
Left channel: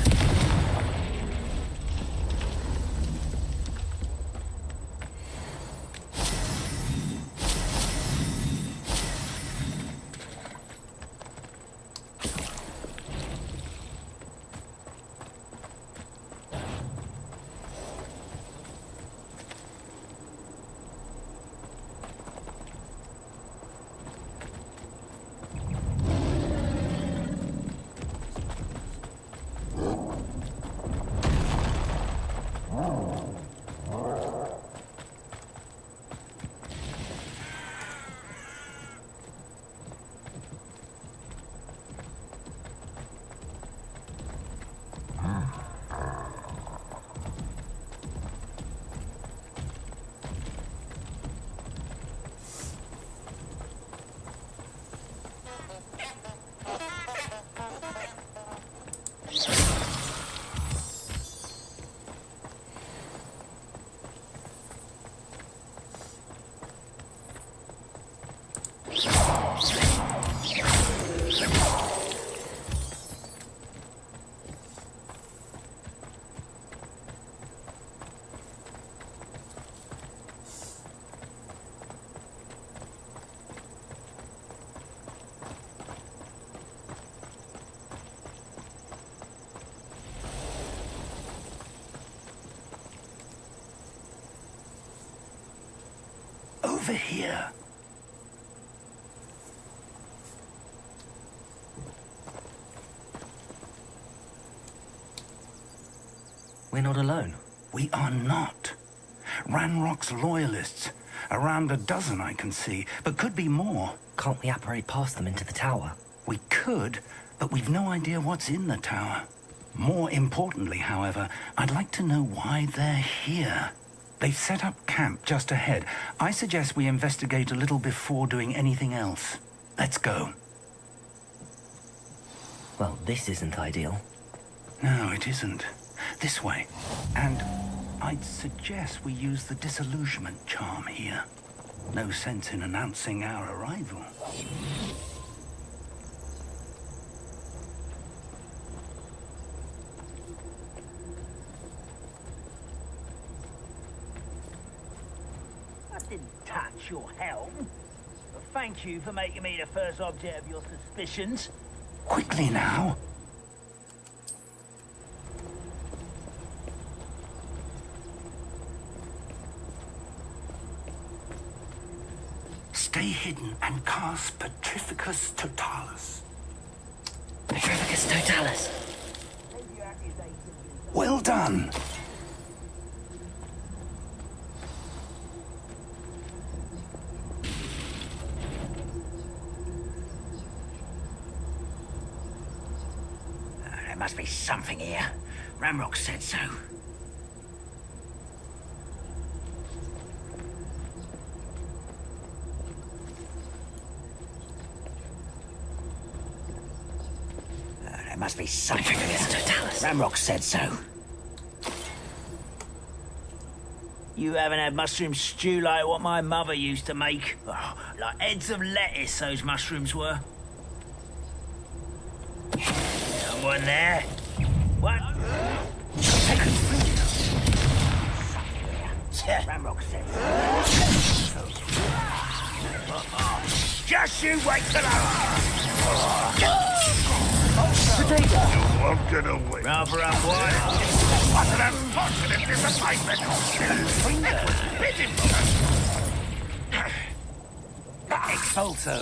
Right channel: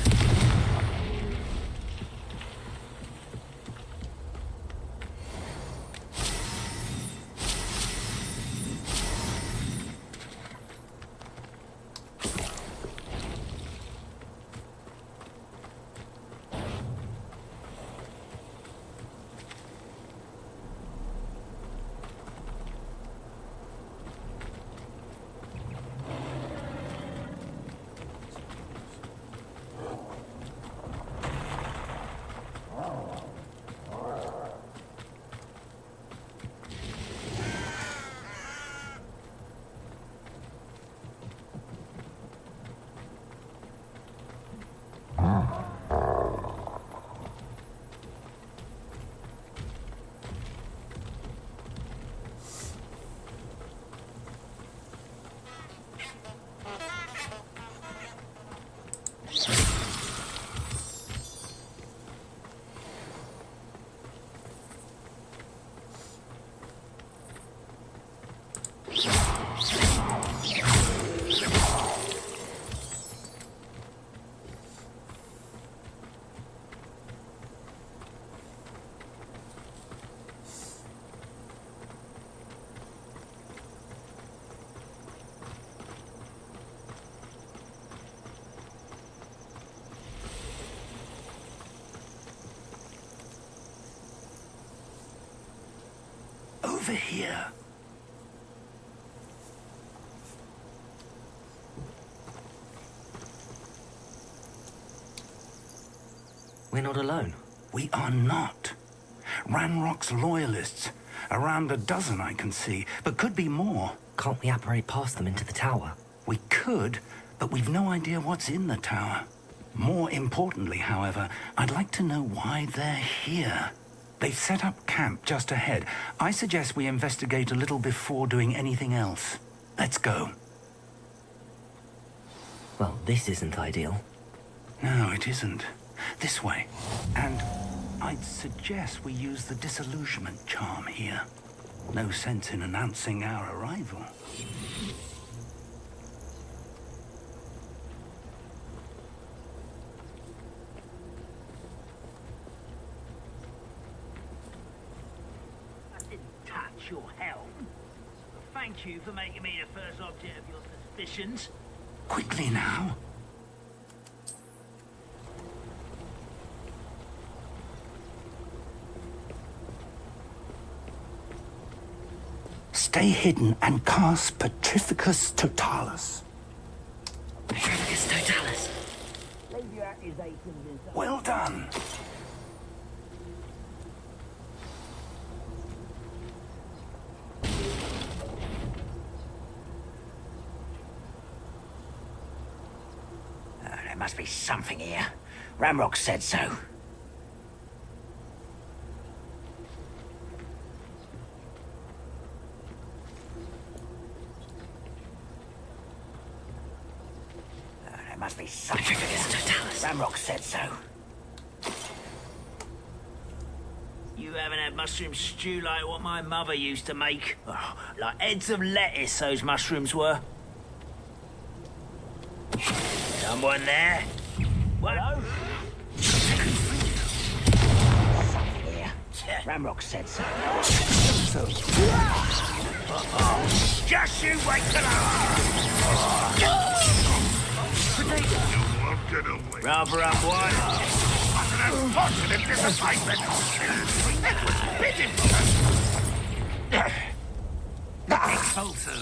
Over here. We're not alone. We are not. Ranrock's loyalists. Around a dozen I can see, but could be more. Can't we apparate past them into the tower? We could, but we've no idea what's in the tower. More importantly, however, I'd like to know why they're here. They've set up camp just ahead. I suggest we investigate a little before doing anything else. Let's go. Well, this isn't ideal. No, it isn't. This way. And I'd suggest we use the disillusionment charm here. No sense in announcing our arrival. I didn't touch your helm. But thank you for making me the first object of your suspicions. Quickly now. Stay hidden and cast Petrificus Totalis. Petrificus Totalis. Well done. There must be something here. Ramrock said so. There must be something. Petrificus Totalis. Ramrock said so. You haven't had mushroom stew like what my mother used to make. Oh, like heads of lettuce, those mushrooms were. Someone there? What? Ramrock says. Just you wait till Potato! You won't get away. Rather unwise. What an unfortunate disappointment! That was pitiful! Expulso.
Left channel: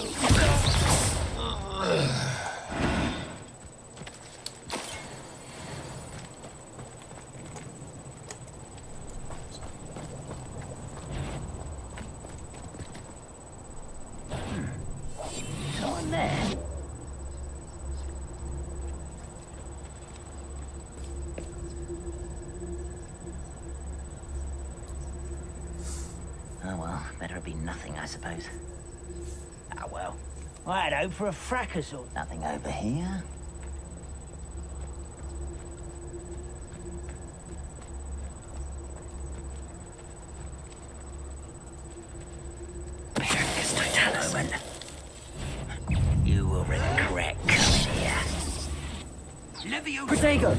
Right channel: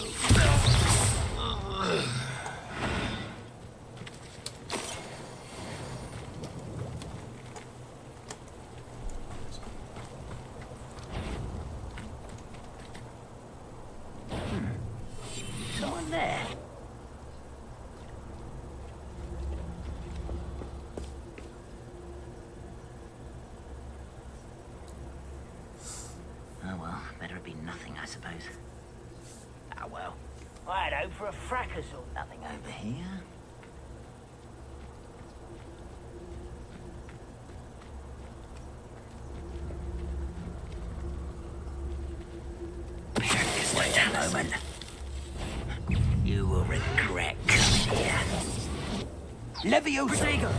Someone there. Oh well, better it be nothing, I suppose. Ah well. I had hope for a fracas or Nothing over here. Wait a moment. You will regret coming here. Leviosa. Protego!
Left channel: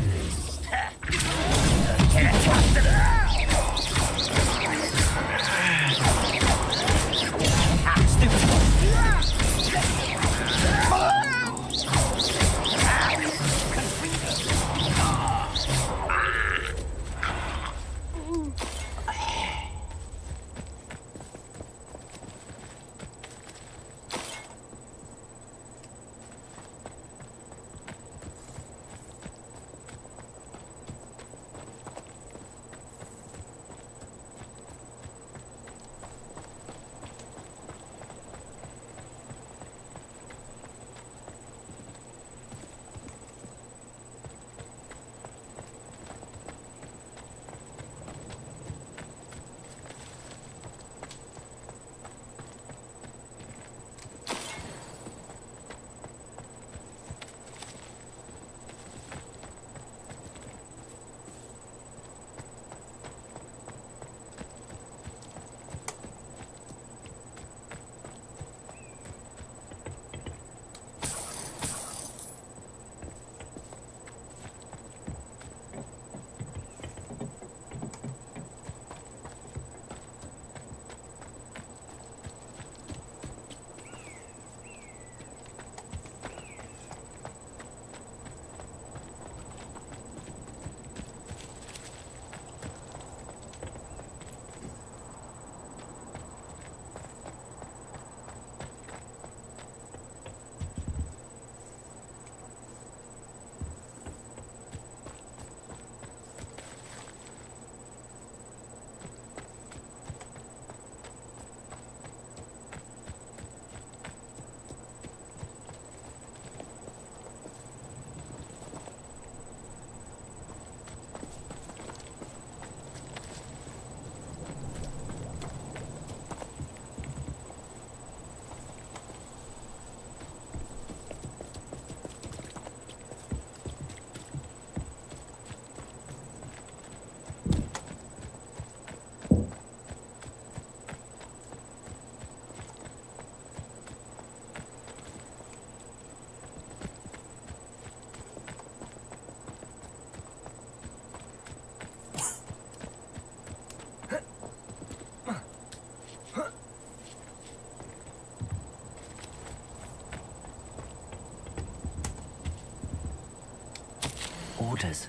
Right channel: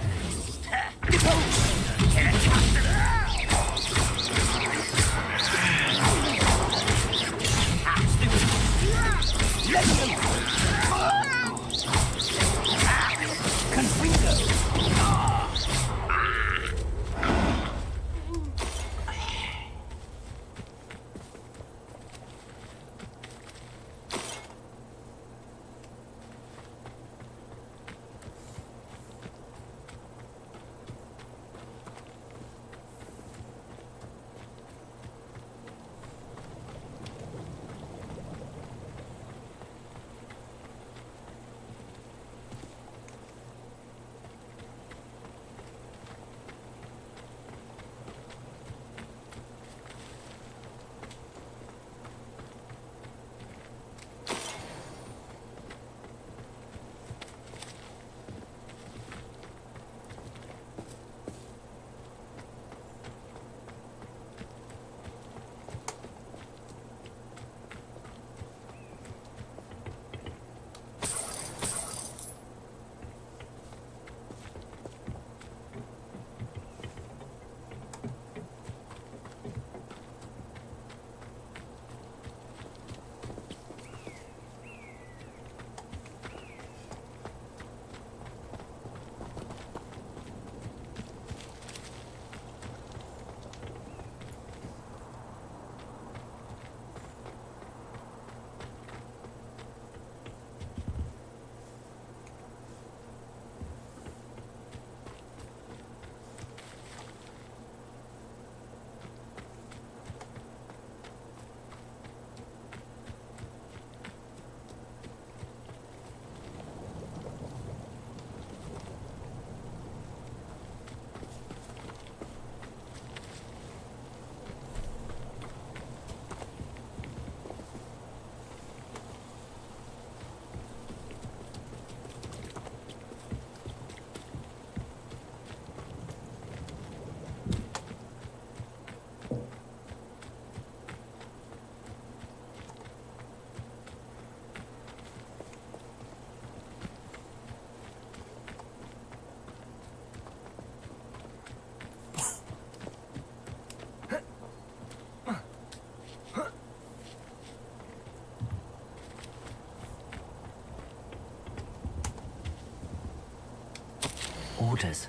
Orders.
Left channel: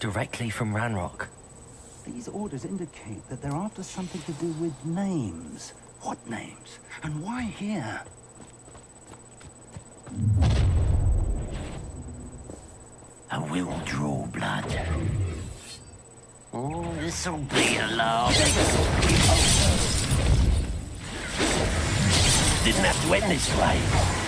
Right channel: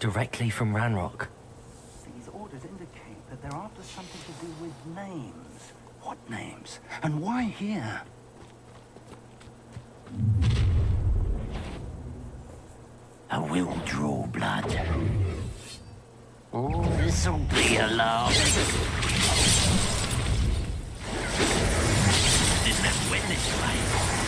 Directly from Ranrock. These orders indicate that they're after something to do with names. What names? And why here? I will draw blood. Oh, this'll be a laugh. Didn't have to end this way.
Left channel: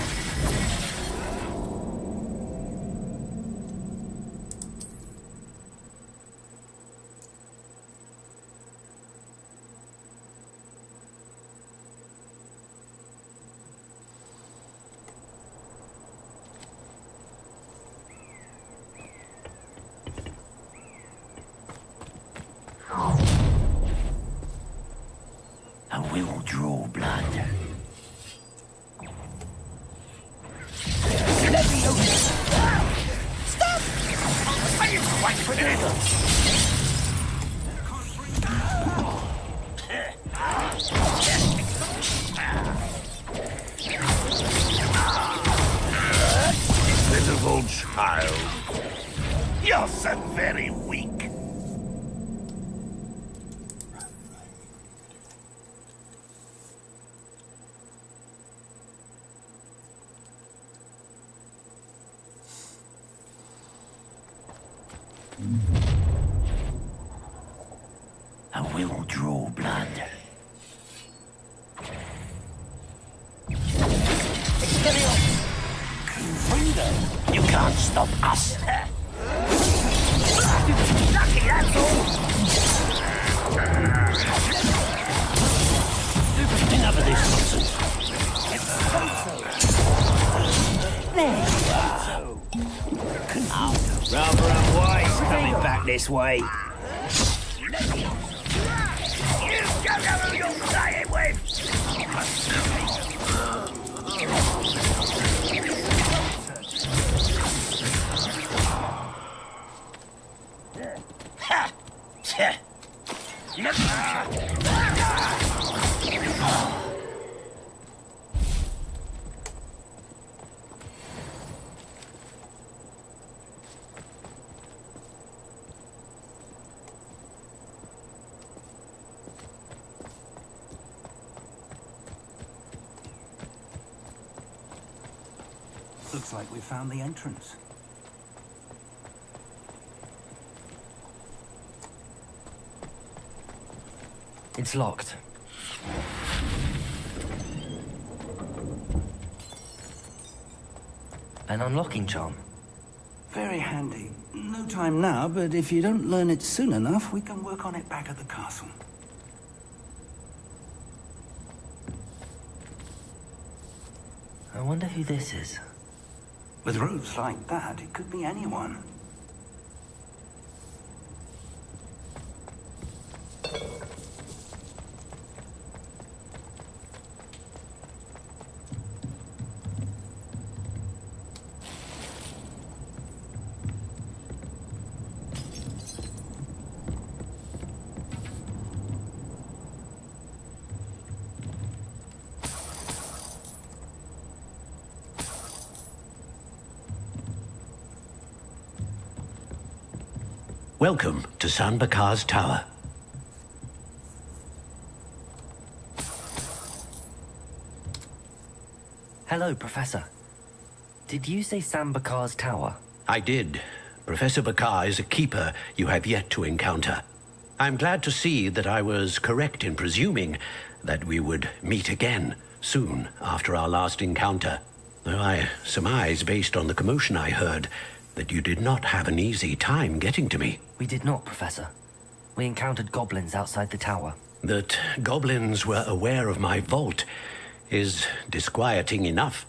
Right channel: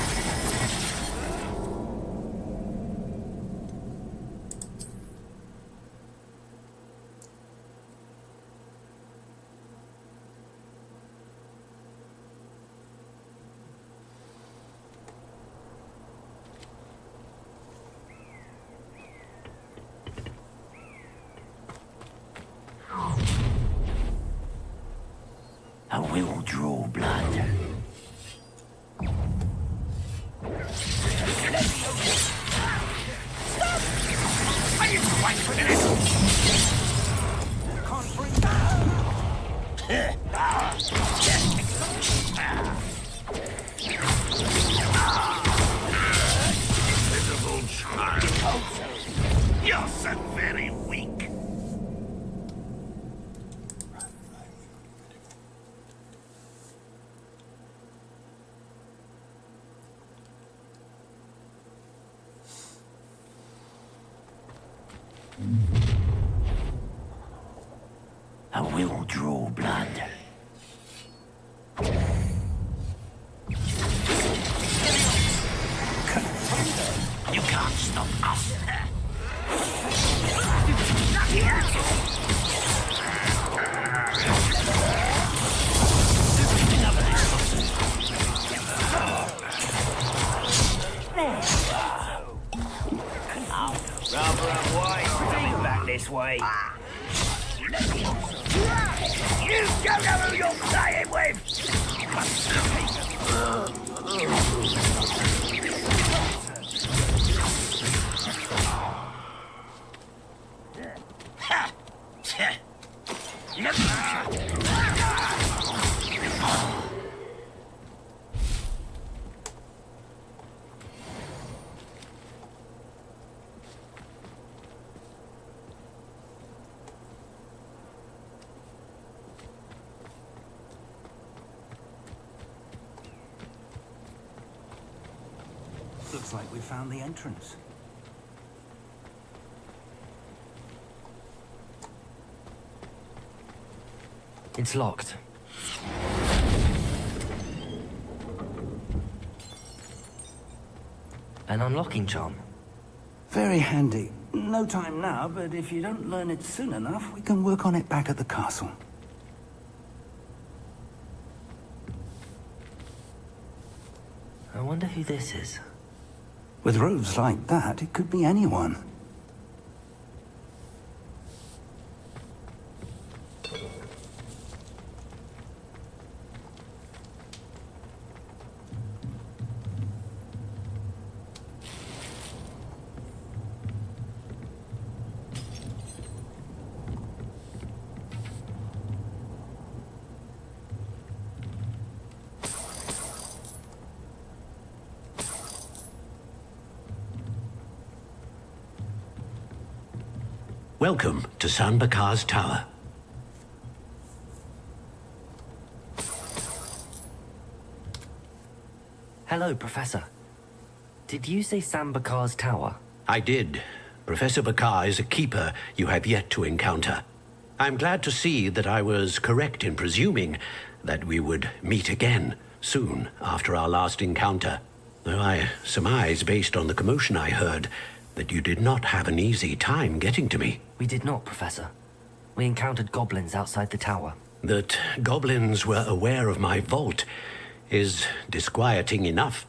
will draw blood. You can't stop us. Lucky, that's all. Back this way. You don't know who you're playing with! Ha! Looks like we found the entrance. It's locked. An unlocking charm. Very handy. No time now, but if you don't learn it soon enough, we can work on it back at the castle. I wonder who this is. With robes like that, it could be anyone. Welcome to San Bakar's Tower. Hello, Professor. Did you say Sam Bakar's tower? I did. Professor Bakar is a keeper you have yet to encounter. I'm glad to see that I was correct in presuming that we would meet again soon after our last encounter. Though I surmise, based on the commotion I heard, that you did not have an easy time getting to me. We did not, Professor. We encountered goblins outside the tower. That goblins were aware of my vault is disquieting enough.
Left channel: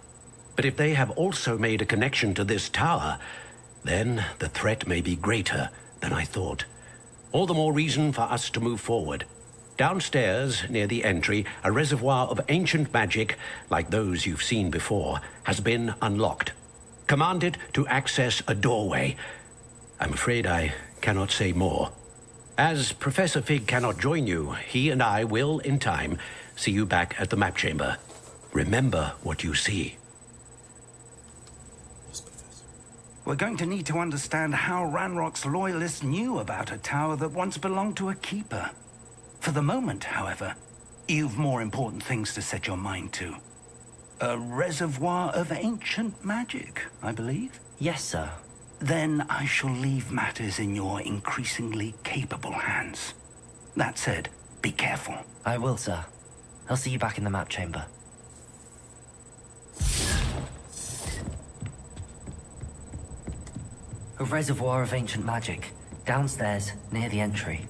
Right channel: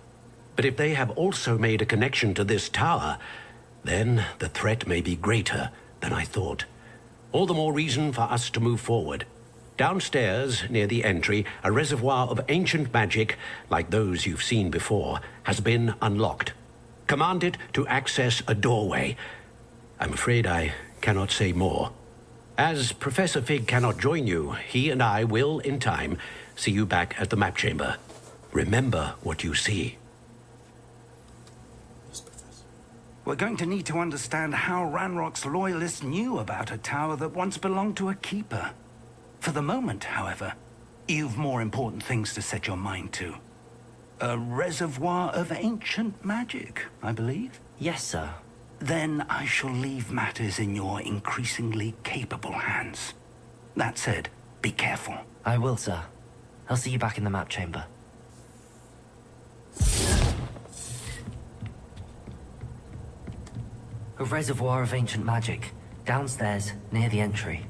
But if they have also made a connection to this tower, then the threat may be greater than I thought. All the more reason for us to move forward. Downstairs, near the entry, a reservoir of ancient magic, like those you've seen before, has been unlocked. Commanded to access a doorway. I'm afraid I cannot say more. As Professor Fig cannot join you, he and I will, in time, see you back at the map chamber. Remember what you see. We're going to need to understand how Ranrock's loyalists knew about a tower that once belonged to a keeper. For the moment, however, you've more important things to set your mind to. A reservoir of ancient magic, I believe? Yes, sir. Then I shall leave matters in your increasingly capable hands. That said, be careful. I will, sir. I'll see you back in the map chamber. A reservoir of ancient magic, downstairs, near the entry.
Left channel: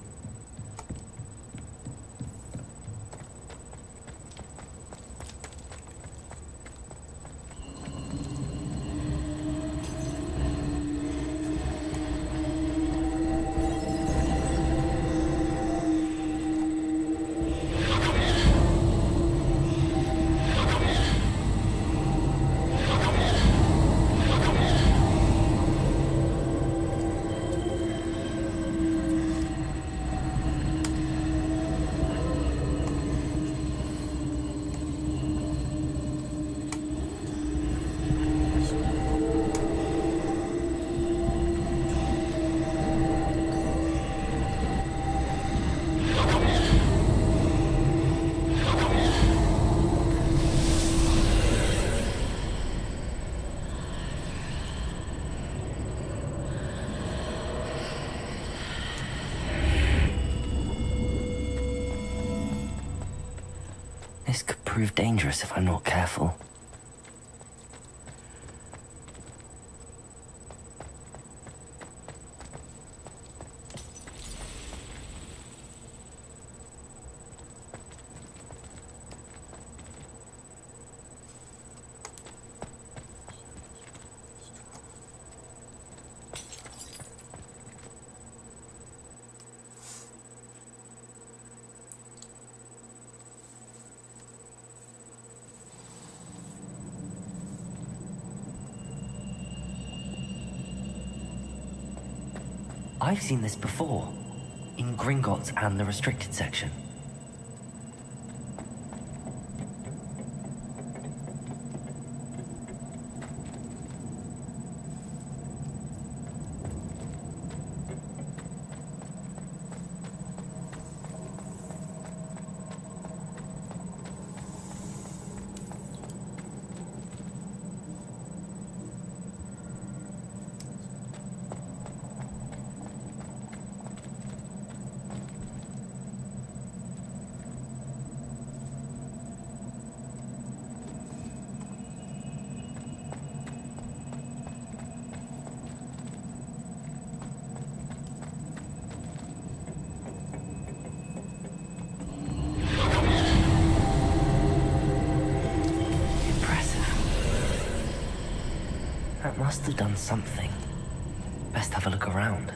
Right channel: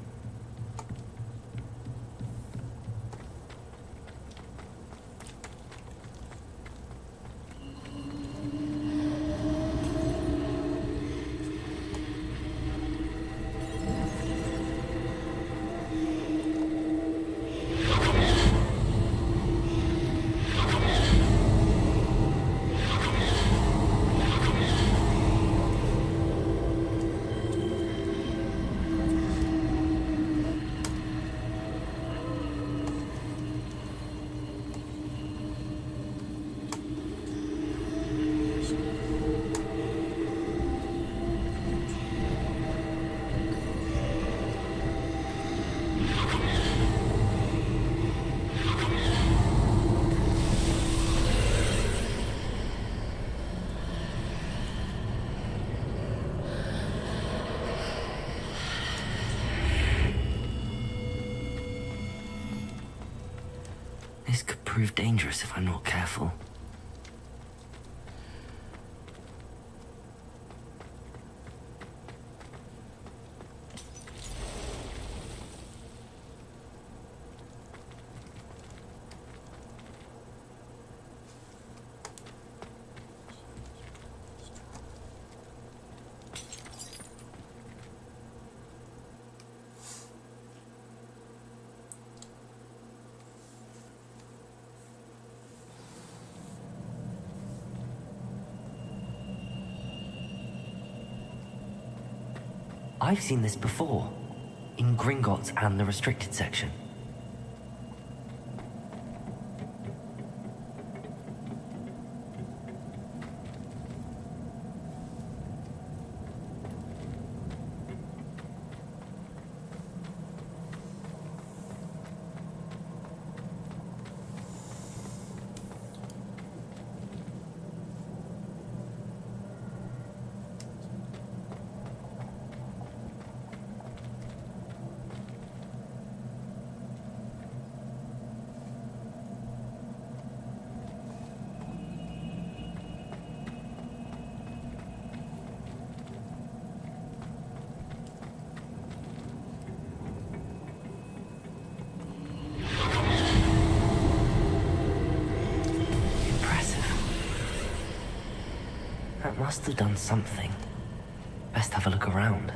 prove dangerous if I'm not careful. I've seen this before, in Gringotts and the restricted section. That must have done something. Best have a look around.